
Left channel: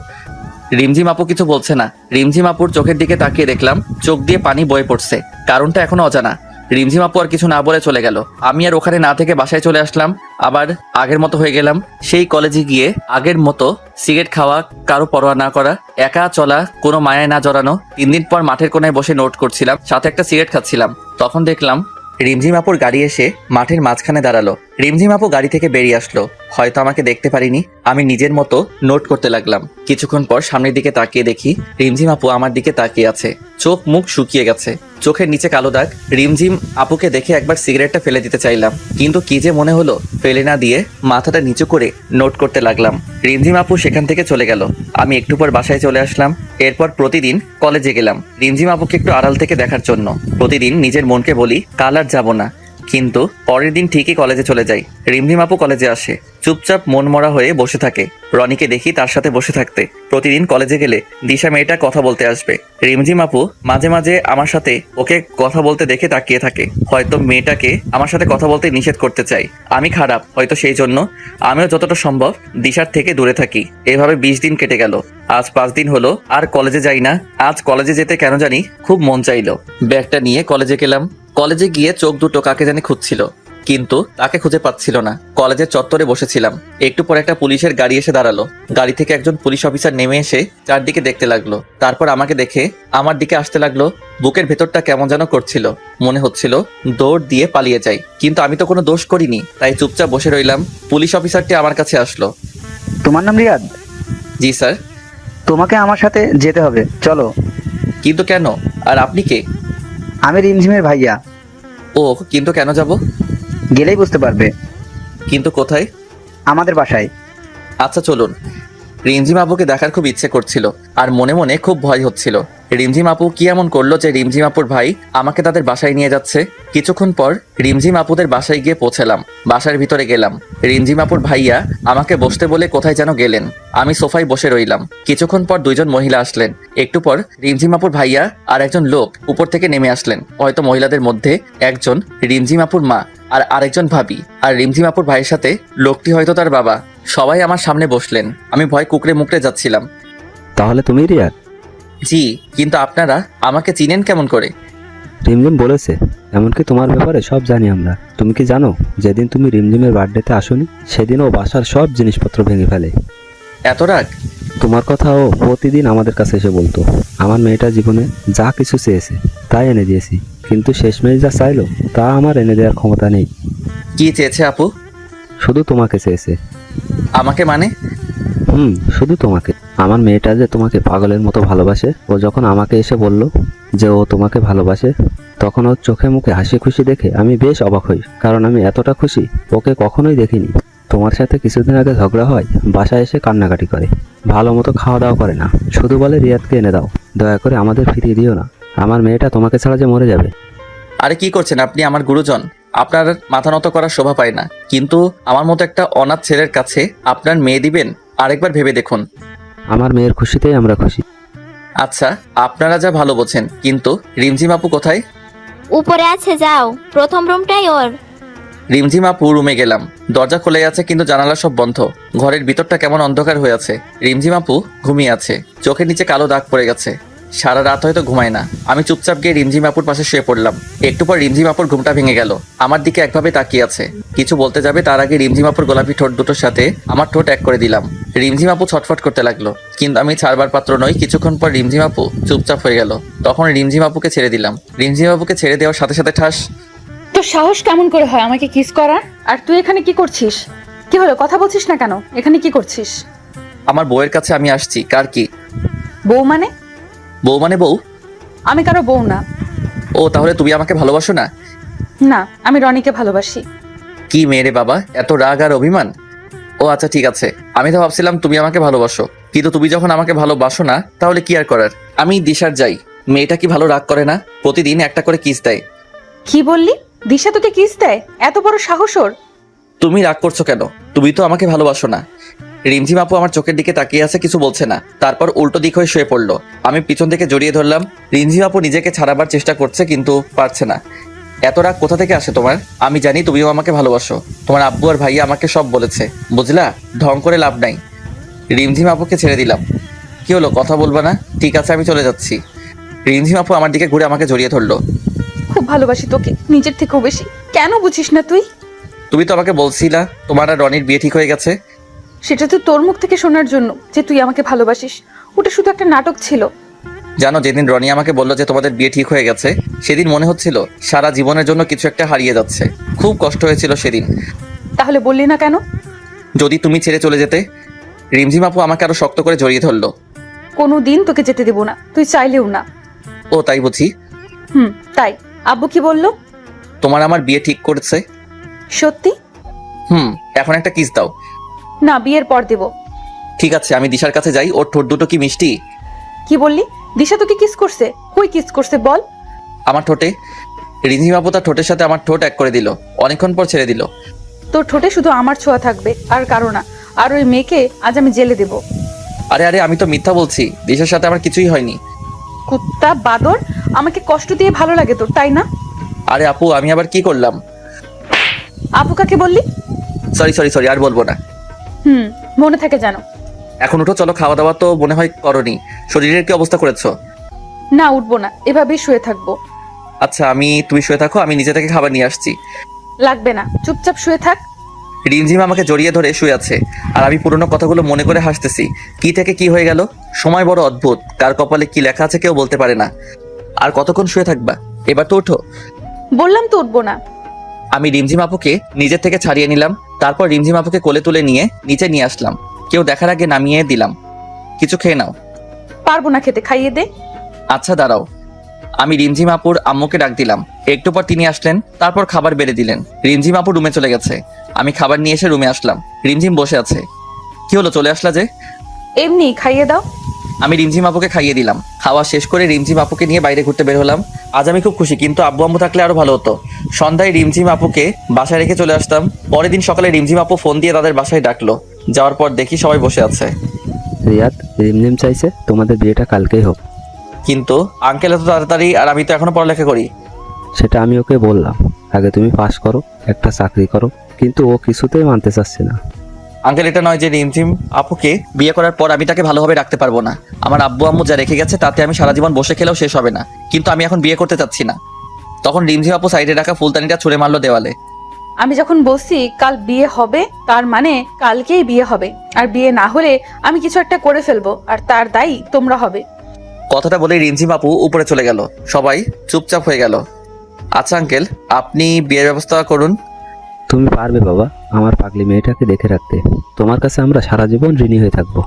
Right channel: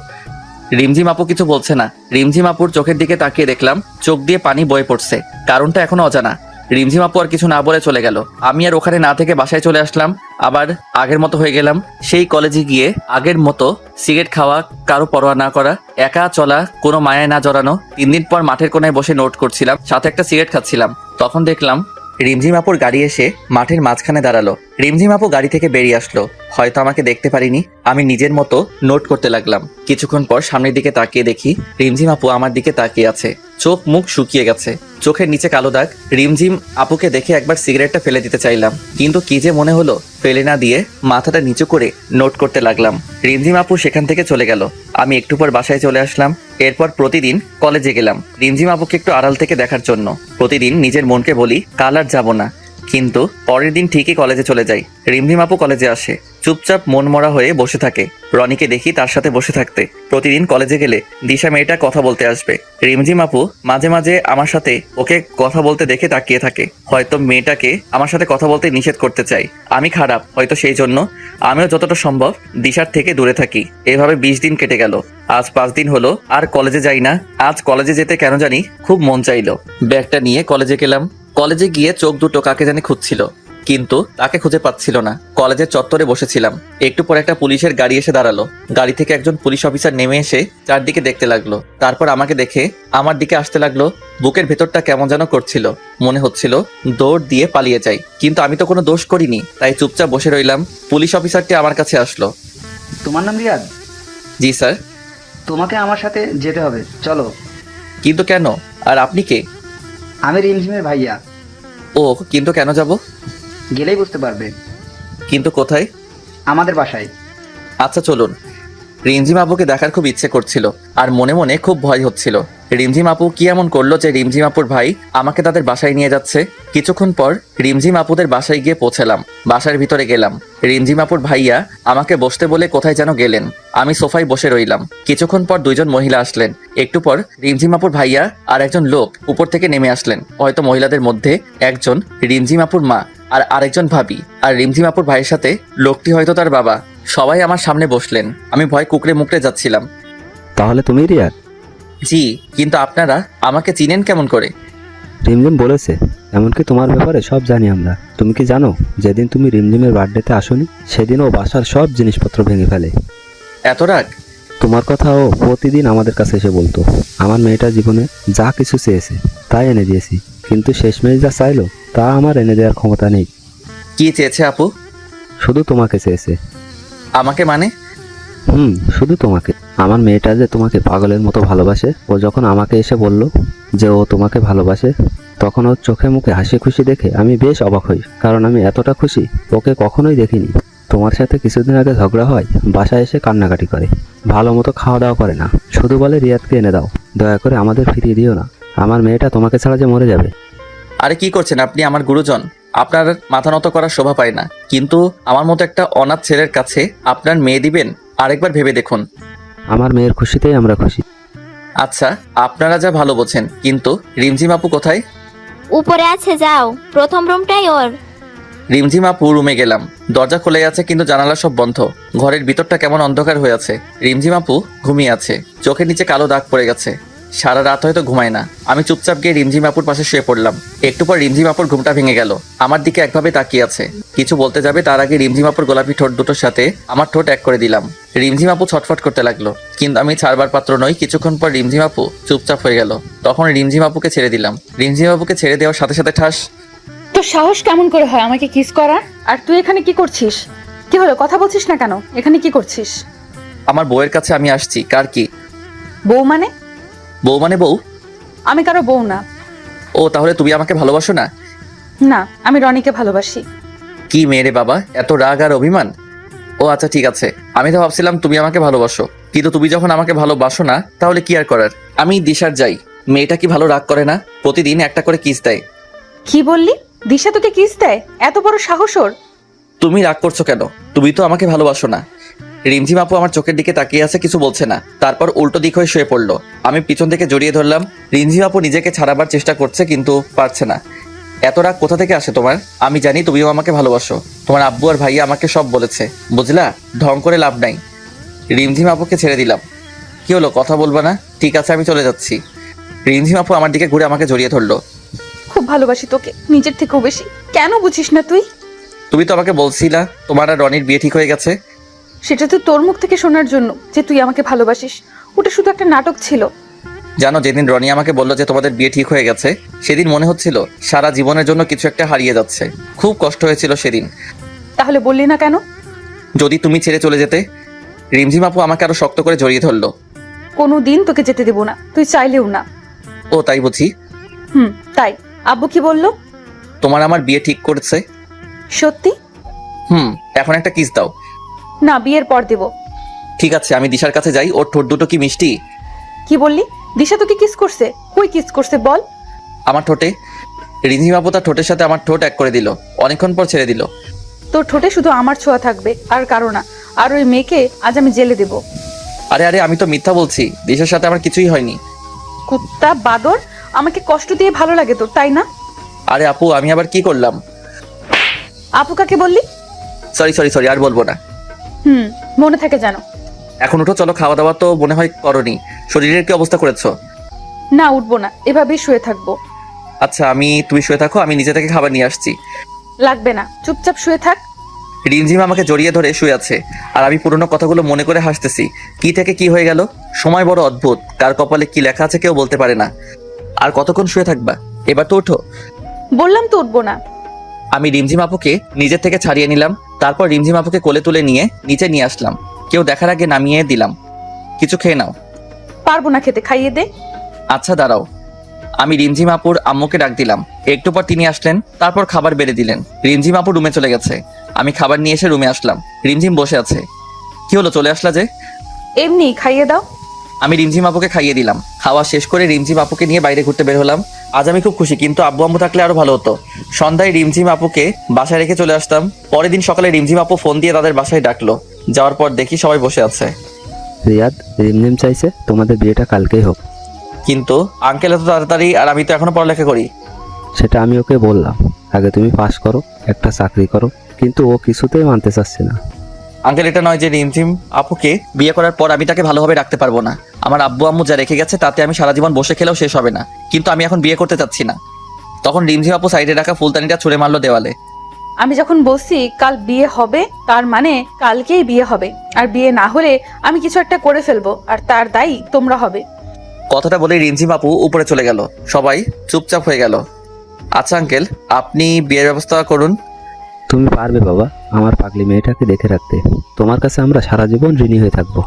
রিমঝিম আপু কিছু বলছে না। রিমঝিম আপুর চোখের দিকে তাকিয়ে দেখলাম চোখ দিয়ে পানি বয়ে পড়ছে। কারণটা এখনো অজানা। রিমঝিম আপু আর কিছু না বলে চলে গেল। আমি আর ওখানে না থেকে বাসায় চলে আসলাম। আবার আগের মতো হয়ে গেলাম। সেই কলেজে গিয়ে আগের মতো সিগারেট খাওয়া, কারো পরোয়া না করা, একা চলা, কোনো মায়ায় না জড়ানো। 3 দিন পর মাঠের কোনায় বসে নোট করছিলাম, সাথে একটা সিগারেট খাচ্ছিলাম। তখন দেখলাম রিমঝিম আপুর গাড়ি এসে মাঠের মাঝখানে দাঁড়ালো। রিমঝিম আপু গাড়ি থেকে বেরিয়ে আসলো। হয়তো আমাকে দেখতে পারিনি। আমি নিজের মতো নোট করতে লাগলাম। কিছুক্ষণ পর সামনের দিকে তাকিয়ে দেখি রিমঝিম আপু আমার দিকে তাকিয়ে আছে। চোখ মুখ শুকিয়ে গেছে, চোখের নিচে কালো দাগ। রিমঝিম আপুকে দেখে একবার সিগারেটটা ফেলে দিতে চাইলাম, কিন্তু কি যে মনে হলো ফেলে না দিয়ে মাথাটা নিচু করে নোট করতে লাগলাম। রিমঝিম আপু সেখান থেকে চলে গেল। আমি একটু পর বাসায় চলে আসলাম। এরপর প্রতিদিন কলেজে গেলাম রিমঝিম আপুকে একটু আড়াল থেকে দেখার জন্য। প্রতিদিন নিজের মনকে বলি কাল আর যাবো না, কিন্তু পরের দিন ঠিকই কলেজে চলে যাই। রিমঝিম আপু কলেজে আসে, চুপচাপ মন মরা হয়ে বসে থাকে। রনিকে দেখি তার সাথে বসে থাকতে। প্রতিদিন কলেজে গেলে দিশা মেয়েটা কথা বলতে আসবে। রিমঝিম আপু মাঝে মাঝে আমার সাথে ওকে কথা বলতে দেখে তাকিয়ে থাকে। হয়তো মেয়েটাকে আমার সাথে কথা বলতে নিষেধ করতে চাই। আমি খারাপ হয়তো, সেই জন্য আমিও যতটা সম্ভব দিশার থেকে দূরে থাকি। এভাবে 20 দিন কেটে গেল। আজ 5 দিন হলো আর কলেজে যাই না। আজ কলেজে যেতে কেন জানি খুব মন চাইলো। ব্যাগটা নিয়ে কলেজে গেলাম। কলেজে গিয়ে চোখ দুটো কাকে জানি খুঁজছিল। কিন্তু তাকে খুঁজে পাচ্ছিল না। কলেজের চত্বরে বসেছিলাম, একটু পরে একটা পুলিশের গাড়ি এসে দাঁড়ালো। গাড়ি থেকে একজন পুলিশ অফিসার নেমে এসে চারদিকে দেখতে লাগলো, তারপর আমাকে দেখে আমার দিকে আসতে লাগলো। বুকের ভেতরটা কেমন যেন করছিল, মনে হচ্ছিল দৌড় দিয়ে পালিয়ে যাই, কিন্তু আমি তো কোনো দোষ করিনি, তাই চুপচাপ বসে রইলাম। পুলিশ অফিসারটি আমার কাছে আসলো। তোমার নাম রিয়াদ? জি স্যার। তোমাকে আমার সাথে যেতে হবে, চলো। কিন্তু কেন? আর আপনি কে? আমি রিমঝিমের ভাইয়া। ও, কিন্তু কেন যাব? গেলেই বুঝতে পারবে। কিন্তু কোথায়? আমাদের বাসায়। আচ্ছা চলুন। রিমঝিম আপুকে দেখার খুব ইচ্ছে করছিল, আর মনে মনে খুব ভয় হচ্ছিল। রিমঝিম আপু কি এমন করলো যে রিমঝিম আপুর ভাই আমাকে তাদের বাসায় নিয়ে যাচ্ছে? কিছুক্ষণ পর রিমঝিম আপুদের বাসায় গিয়ে পৌঁছালাম। বাসার ভিতরে গেলাম, রিমঝিম আপুর ভাইয়া আমাকে বসতে বলে কোথায় যেন গেলেন। আমি সোফায় বসে রইলাম। কিছুক্ষণ পর দুইজন মহিলা আসলেন। একটু পর রিমঝিম আপুর ভাইয়া আর একজন লোক উপর থেকে নেমে আসলেন। হয়তো মহিলাদের মধ্যে একজন রিমঝিম আপুর মা আর আরেকজন ভাবি, আর রিমঝিম আপুর ভাইয়ের সাথে লোকটি হয়তো তার বাবা। সবাই আমার সামনে বসলেন। আমি ভয় কুকড়ে মুকড়ে যাচ্ছিলাম। তাহলে তুমি রিয়াদ? জি, কিন্তু আপনারা আমাকে চিনেন কেমন করে? রিমঝিম বলেছে, এমনকি তোমার ব্যাপারে সব জানি আমরা। তুমি কি জানো, যেদিন তুমি রিমঝিমের বার্থডেতে আসোনি সেদিন ও বাসার সব জিনিসপত্র ভেঙে ফেলে। এত রাগ? তোমার কথা ও প্রতিদিন আমাদের কাছে এসে বলতো। আমার মেয়েটা জীবনে যা কিছু চেয়েছে তাই এনে দিয়েছি, কিন্তু শেষমেশ যা চাইলো তা আমার এনে দেওয়ার ক্ষমতা নেই। কি চেয়েছে আপু? শুধু তোমাকে চেয়েছে। আমাকে মানে? শুধু তোমাকে। আমার মেয়েটা যে তোমাকে পাগলের মতো ভালোবাসে, ও যখন আমাকে এসে বললো যে ও তোমাকে ভালোবাসে, তখন ওর চোখে মুখে হাসি খুশি দেখে আমি বেশ অবাক হই, কারণ আমি এতটা খুশি ওকে কখনোই দেখিনি। তোমার সাথে কিছুদিন আগে ঝগড়া হয়, বাসায় এসে কান্নাকাটি করে, ভালো মতো খাওয়া দাওয়া করে না, শুধু বলে রিয়াদকে এনে দাও, দয়া করে আমাদের ফিরিয়ে দিও না, আমার মেয়েটা তোমাকে ছাড়া যে মরে যাবে। আরে কি করছেন আপনি? আমার গুরুজন, আপনার মাথা নত করার শোভা পায় না। কিন্তু আমার মতো একটা অনাথ ছেলের কাছে আপনার মেয়ে দিবেন? আরেকবার ভেবে দেখুন। আমার মেয়ের খুশিতেই আমরা খুশি। আচ্ছা, আপনারা যা ভালো বোঝেন, কিন্তু রিমঝিম আপু কোথায়? উপরে আছে, যাও, প্রথম রুমটাই ওর। রিমঝিম আপু রুমে গেলাম। দরজা খোলা আছে, কিন্তু জানালা সব বন্ধ। ঘরের ভিতরটা কেমন অন্ধকার হয়ে আছে। রিমঝিম আপু ঘুমিয়ে আছে, চোখের নিচে কালো দাগ পড়ে গেছে। সারা রাত হয়তো ঘুমায় না। আমি চুপচাপ গিয়ে রিমঝিম আপুর পাশে শুয়ে পড়লাম। একটু পর রিমঝিম আপুর ঘুমটা ভেঙে গেল। আমার দিকে একভাবে তাকিয়ে আছে। কিছু বলতে যাবে তার আগে রিমঝিম আপুর গোলাপি ঠোঁট দুটোর সাথে আমার ঠোঁট এক করে দিলাম। রিমঝিম আপু ছটফট করতে লাগলো, কিন্তু আমি ছাড়বার পাত্র নই। কিছুক্ষণ পর রিমঝিম আপু চুপচাপ হয়ে গেল। তখন রিমঝিম আপুকে ছেড়ে দিলাম। রিমঝিম আপুকে ছেড়ে দেওয়ার সাথে সাথে ঠাস। তোর সাহস কেমন করে হয় আমাকে কিস করার? আর তুই এখানে কি করছিস? কি হলো, কথা বলছিস না কেন? এখানে কি করছিস? আমার বউয়ের কাছে আমি আসছি। কার কি বউ মানে? বউ মানে বউ? আমি কারো বউ না। ও, তাহলে তুমি আমাকে ভালোবাসো না? না, আমি রনিকে ভালোবাসি। কি মেয়ে রে বাবা, এত রাগ আর অভিমান! ও আচ্ছা ঠিক আছে, আমি তো ভাবছিলাম তুমি আমাকে ভালোবাসো। কিন্তু তুমি যখন আমাকে ভালোবাসো না, তাহলে কি আর করার। আমি দিশার যাই। মেয়েটা কি ভালো রাগ করে না? প্রতিদিন একটা করে কিস দেয়। কি বললি? দিশা তোকে কিস দেয়? এত বড় সাহস ওর? তুমি রাগ করছো কেন? তুমি তো আমাকে ভালোবাসো না। রিমঝিম আপু আমার চোখের দিকে তাকিয়ে আছে, কিছু বলছে না। তারপর উল্টো দিক হয়ে শুয়ে পড়লো। আমি পিছন থেকে জড়িয়ে ধরলাম। রিমঝিম আপু নিজেকে ছাড়াবার চেষ্টা করছে, কিন্তু পারছে না। এত রাগ কোথা থেকে আসে তোমার? আমি জানি তুমিও আমাকে ভালোবাসো। তোমার আব্বু আর ভাইয়া আমাকে সব বলেছে, বুঝলা? ঢং করে লাভ নাই। রিমঝিম আপুকে ছেড়ে দিলাম। কি হলো, কথা বলবে না? ঠিক আছে, আমি চলে যাচ্ছি। রিমঝিম আপু আমার দিকে ঘুরে আমাকে জড়িয়ে ধরলো। খুব ভালোবাসি তোকে, নিজের থেকেও বেশি। কেন বুঝিস না তুই? তুমি তো আমাকে বলছিলা তোমার আর রনির বিয়ে ঠিক হয়ে গেছে। সেটা তো তোর মুখ থেকে শোনার জন্য যে তুই আমাকে ভালোবাসিস। ওটা শুধু একটা নাটক ছিল। জানো, যেদিন রনি আমাকে বললো যে তোমাদের বিয়ে ঠিক হয়ে গেছে, সেদিন মনে হচ্ছিল সারা জীবনের জন্য কিছু একটা হারিয়ে যাচ্ছে। খুব কষ্ট হয়েছিল সেদিন। তাহলে বললি না কেন? যদি তুমি ছেড়ে চলে যেতে। রিমঝিম আপু আমাকে আরো শক্ত করে জড়িয়ে ধরলো। কোনোদিন তোকে যেতে দেব না, তুই চাইলেও না। ও তাই বুঝি? তাই। আব্বু কি বললো? তোমার আমার বিয়ে ঠিক করেছে। সত্যি? এখন একটা কিস দাও। না, বিয়ের পর দেব। ঠিক আছে, আমি দিশার কাছে যাই। ওর ঠোঁট দুটো কি মিষ্টি! কি বললি? দিশা তোকে কিস করছে? কই কিস করছে বল? আমার ঠোঁটে। রিমঝিম আপু তার ঠোঁটের সাথে আমার ঠোঁট এক করে দিল। অনেকক্ষণ পর ছেড়ে দিল। তোর ঠোঁটে শুধু আমার ছোঁয়া থাকবে, আর কারো না। আর ওই মেয়েকে আজ আমি জেলে দেব। আরে আরে, আমি তো মিথ্যা বলছি। দিশার সাথে আমার কিছুই হয়নি। কুত্তা বাদর, আমাকে কষ্ট দিয়ে ভালো লাগে তোর, তাই না? আরে আপু, আমি আবার কি করলাম? আপু কাকে বললি? সরি, আর বলবো না। মনে থাকে জানো। এখন উঠো, চলো। খাওয়া দাওয়া তো মনে হয় করনি। শরীরের কি অবস্থা করেছো? না, উঠবো না, এভাবেই শুয়ে থাকবো। আচ্ছা, তুমি শুয়ে থাকো, আমি নিজে থেকে খাবার নিয়ে আসছি। লাগবে না, চুপচাপ শুয়ে থাক। রিমঝিম আমাকে জড়িয়ে ধরে শুয়ে আছে আর আমি পুরোনো কথাগুলো মনে করে হাসতেছি। কি থেকে কি হয়ে গেল, সময় বড় অদ্ভুত, কার কপালে কি লেখা আছে কেউ বলতে পারে না। আর কতক্ষণ শুয়ে থাকবা, এবার তো ওঠো। বললাম তো উঠবো না। আমি রিমঝিম আপুকে নিজের থেকে ছাড়িয়ে নিলাম, তারপর রিমঝিম আপুকে কোলে তুলে নিয়ে নিচে নিয়ে আসলাম। কেউ দেখার আগে নামিয়ে দিলাম। কিছু খেয়ে নাও। পারবো না খেতে, খাইয়ে দে। আচ্ছা দাঁড়াও। আমি রিমঝিম আপুর আম্মুকে ডাক দিলাম। একটু পর তিনি আসলেন, তারপর খাবার বেড়ে দিলেন। রিমঝিম আপু রুমে চলে গেছে। আমি খাবার নিয়ে এসে রুমে আসলাম। রিমঝিম বসে আছে। কি হলো, চলে আসলা যে? এমনি খাইয়ে দাও। আমি রিমঝিম আপুকে খাইয়ে দিলাম। খাওয়া শেষ করে রিমঝিম আপুকে নিয়ে বাইরে ঘুরতে বের হলাম। আজ আমি খুব খুশি, কিন্তু আব্বু আম্মু থাকলে আরো ভালো হতো। সন্ধ্যায় রিমঝিম আপুকে বাসায় রেখে চলে আসতাম। পরের দিন সকালে রিমঝিম আপু ফোন দিয়ে তাদের বাসায় ডাকলো। যাওয়ার পর দেখি সবাই বসে আছে। রিয়াদ, রিমঝিম চাইছে তোমাদের বিয়েটা কালকেই হোক। কিন্তু আঙ্কেল এত তাড়াতাড়ি, আর আমি তো এখনো পড়ালেখা করি। সেটা আমি ওকে বললাম, আগে তুমি পাস করো, একটা চাকরি করো, কিন্তু ও কিছুতেই মানতে চাচ্ছে না। আঙ্কেল, এটা নয় যে রিমঝিম আপুকে বিয়ে করার পর আমি তাকে ভালোভাবে রাখতে পারবো না। আমার আব্বু আম্মু যা রেখে গেছে তাতে আমি সারা জীবন বসে খেলেও শেষ হবে না। কিন্তু আমি এখন বিয়ে করতে চাচ্ছি না। তখন রিমঝিম আপু সাইডে রাখা ফুলদানিটা ছুঁড়ে মারলো দেওয়ালে। আমি যখন বলছি কাল বিয়ে হবে, তার মানে কালকেই বিয়ে হবে। আর বিয়ে না হলে আমি কিছু একটা করে ফেলবো, আর তার দায়ী তোমরা হবে। কথাটা বলে রিমঝিম আপু উপরে চলে গেল। সবাই চুপচাপ হয়ে গেল। আচ্ছা আঙ্কেল, আপনি বিয়ের ব্যবস্থা করুন। তুমি পারবে বাবা, আমার পাগলি মেয়েটাকে দেখে রাখতে। তোমার কাছে আমরা সারা জীবন ঋণী হয়ে থাকবো।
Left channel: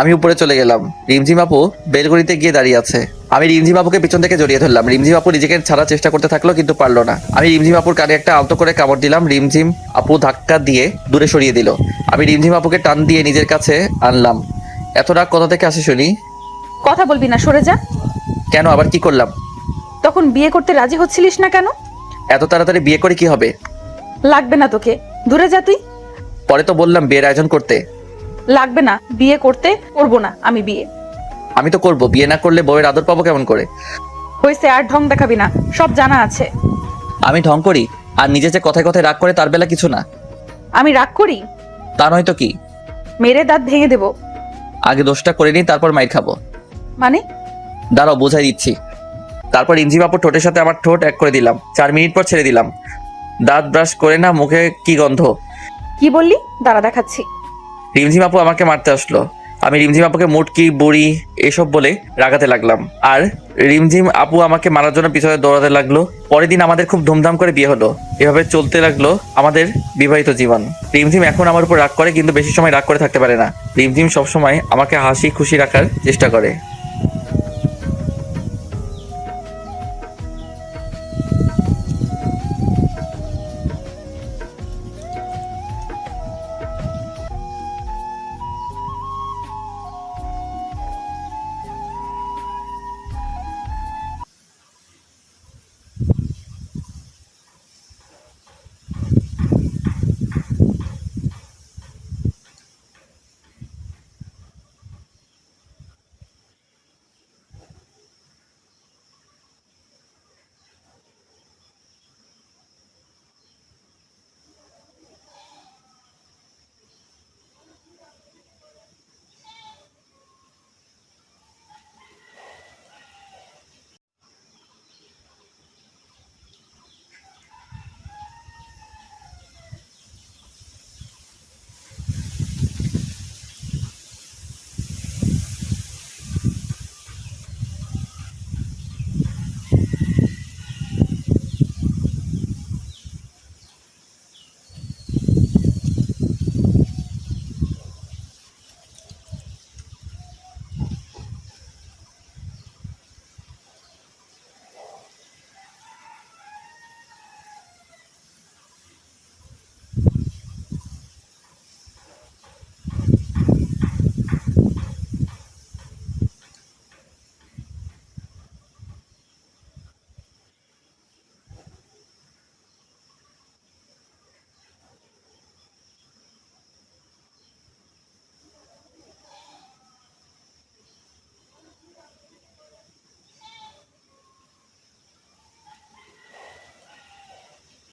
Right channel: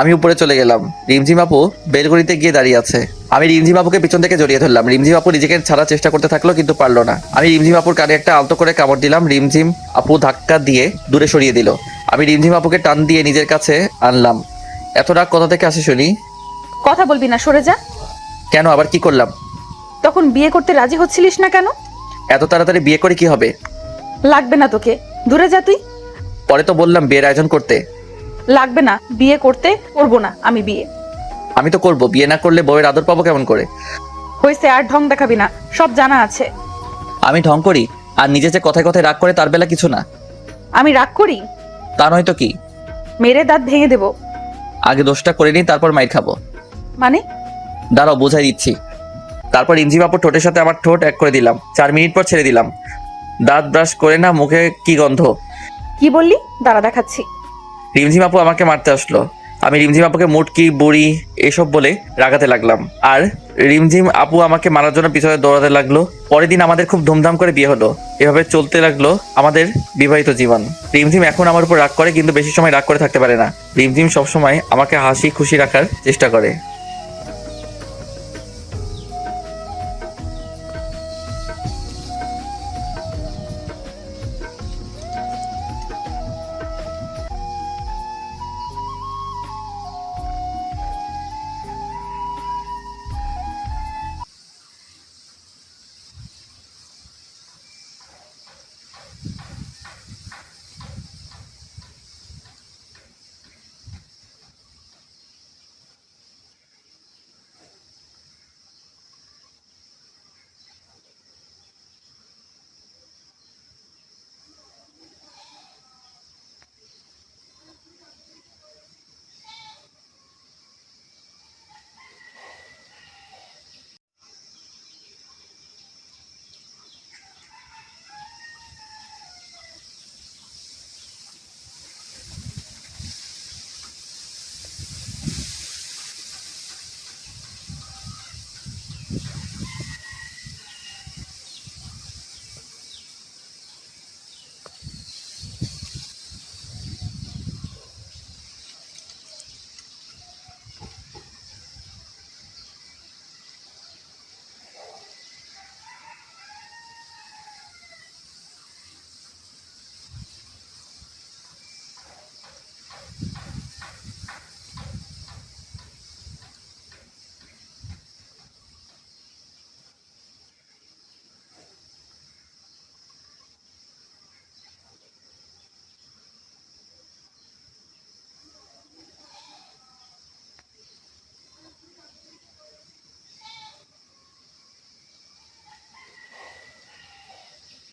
আমি উপরে চলে গেলাম। রিমঝিম আপু বেলকনিতে গিয়ে দাঁড়িয়ে আছে। আমি রিমঝিম আপুকে পিছন থেকে জড়িয়ে ধরলাম। রিমঝিম আপু নিজেকে ছাড়ার চেষ্টা করতে থাকলো, কিন্তু পারলো না। আমি রিমঝিম আপুর কানে একটা আলতো করে কামড় দিলাম। রিমঝিম আপু ধাক্কা দিয়ে দূরে সরিয়ে দিল। আমি রিমঝিম আপুকে টান দিয়ে নিজের কাছে আনলাম। এত রাগ কোথা থেকে আসে শুনি? কথা বলবি না, সরে যা। কেন, আবার কি করলাম? তখন বিয়ে করতে রাজি হচ্ছিলিস না কেন? এত তাড়াতাড়ি বিয়ে করে কি হবে? লাগবে না তোকে, দূরে যা তুই। পরে তো বললাম বিয়ের আয়োজন করতে। লাগবে না, বিয়ে করতে করবো না আমি বিয়ে। আমি তো করবো, বিয়ে না করলে বউয়ের আদর পাবো কেমন করে? হয়েছে, আর ঢং দেখাবি না, সব জানা আছে। আমি ঢং করি? আর নিজে যে কথায় কথায় রাগ করে তার বেলা কিছু না। আমি রাগ করি? তা নয় তো কি। মেরে দাঁত ভেঙে দেবো। আগে দোষটা করে নিই, তারপর মাইর খাবো। মানে? দাঁড়াও, বোঝাই দিচ্ছি। তারপর রিমঝিম আপুর ঠোঁটের সাথে আমার ঠোঁট এক করে দিলাম। 4 মিনিট পর ছেড়ে দিলাম। দাঁত ব্রাশ করে না, মুখে কি গন্ধ। কি বললি? দাঁড়া দেখাচ্ছি। রিমঝিম আপু আমাকে মারতে আসলো। আমি রিমঝিম আপুকে মুটকি বুড়ি এসব বলে রাগাতে লাগলাম, আর রিমঝিম আপু আমাকে মারার জন্য পিছনে দৌড়াতে লাগলো। পরের দিন আমাদের খুব ধুমধাম করে বিয়ে হলো। এভাবে চলতে লাগলো আমাদের বিবাহিত জীবন। রিমঝিম এখন আমার উপর রাগ করে, কিন্তু বেশি সময় রাগ করে থাকতে পারে না। রিমঝিম সবসময় আমাকে হাসি খুশি রাখার চেষ্টা করে।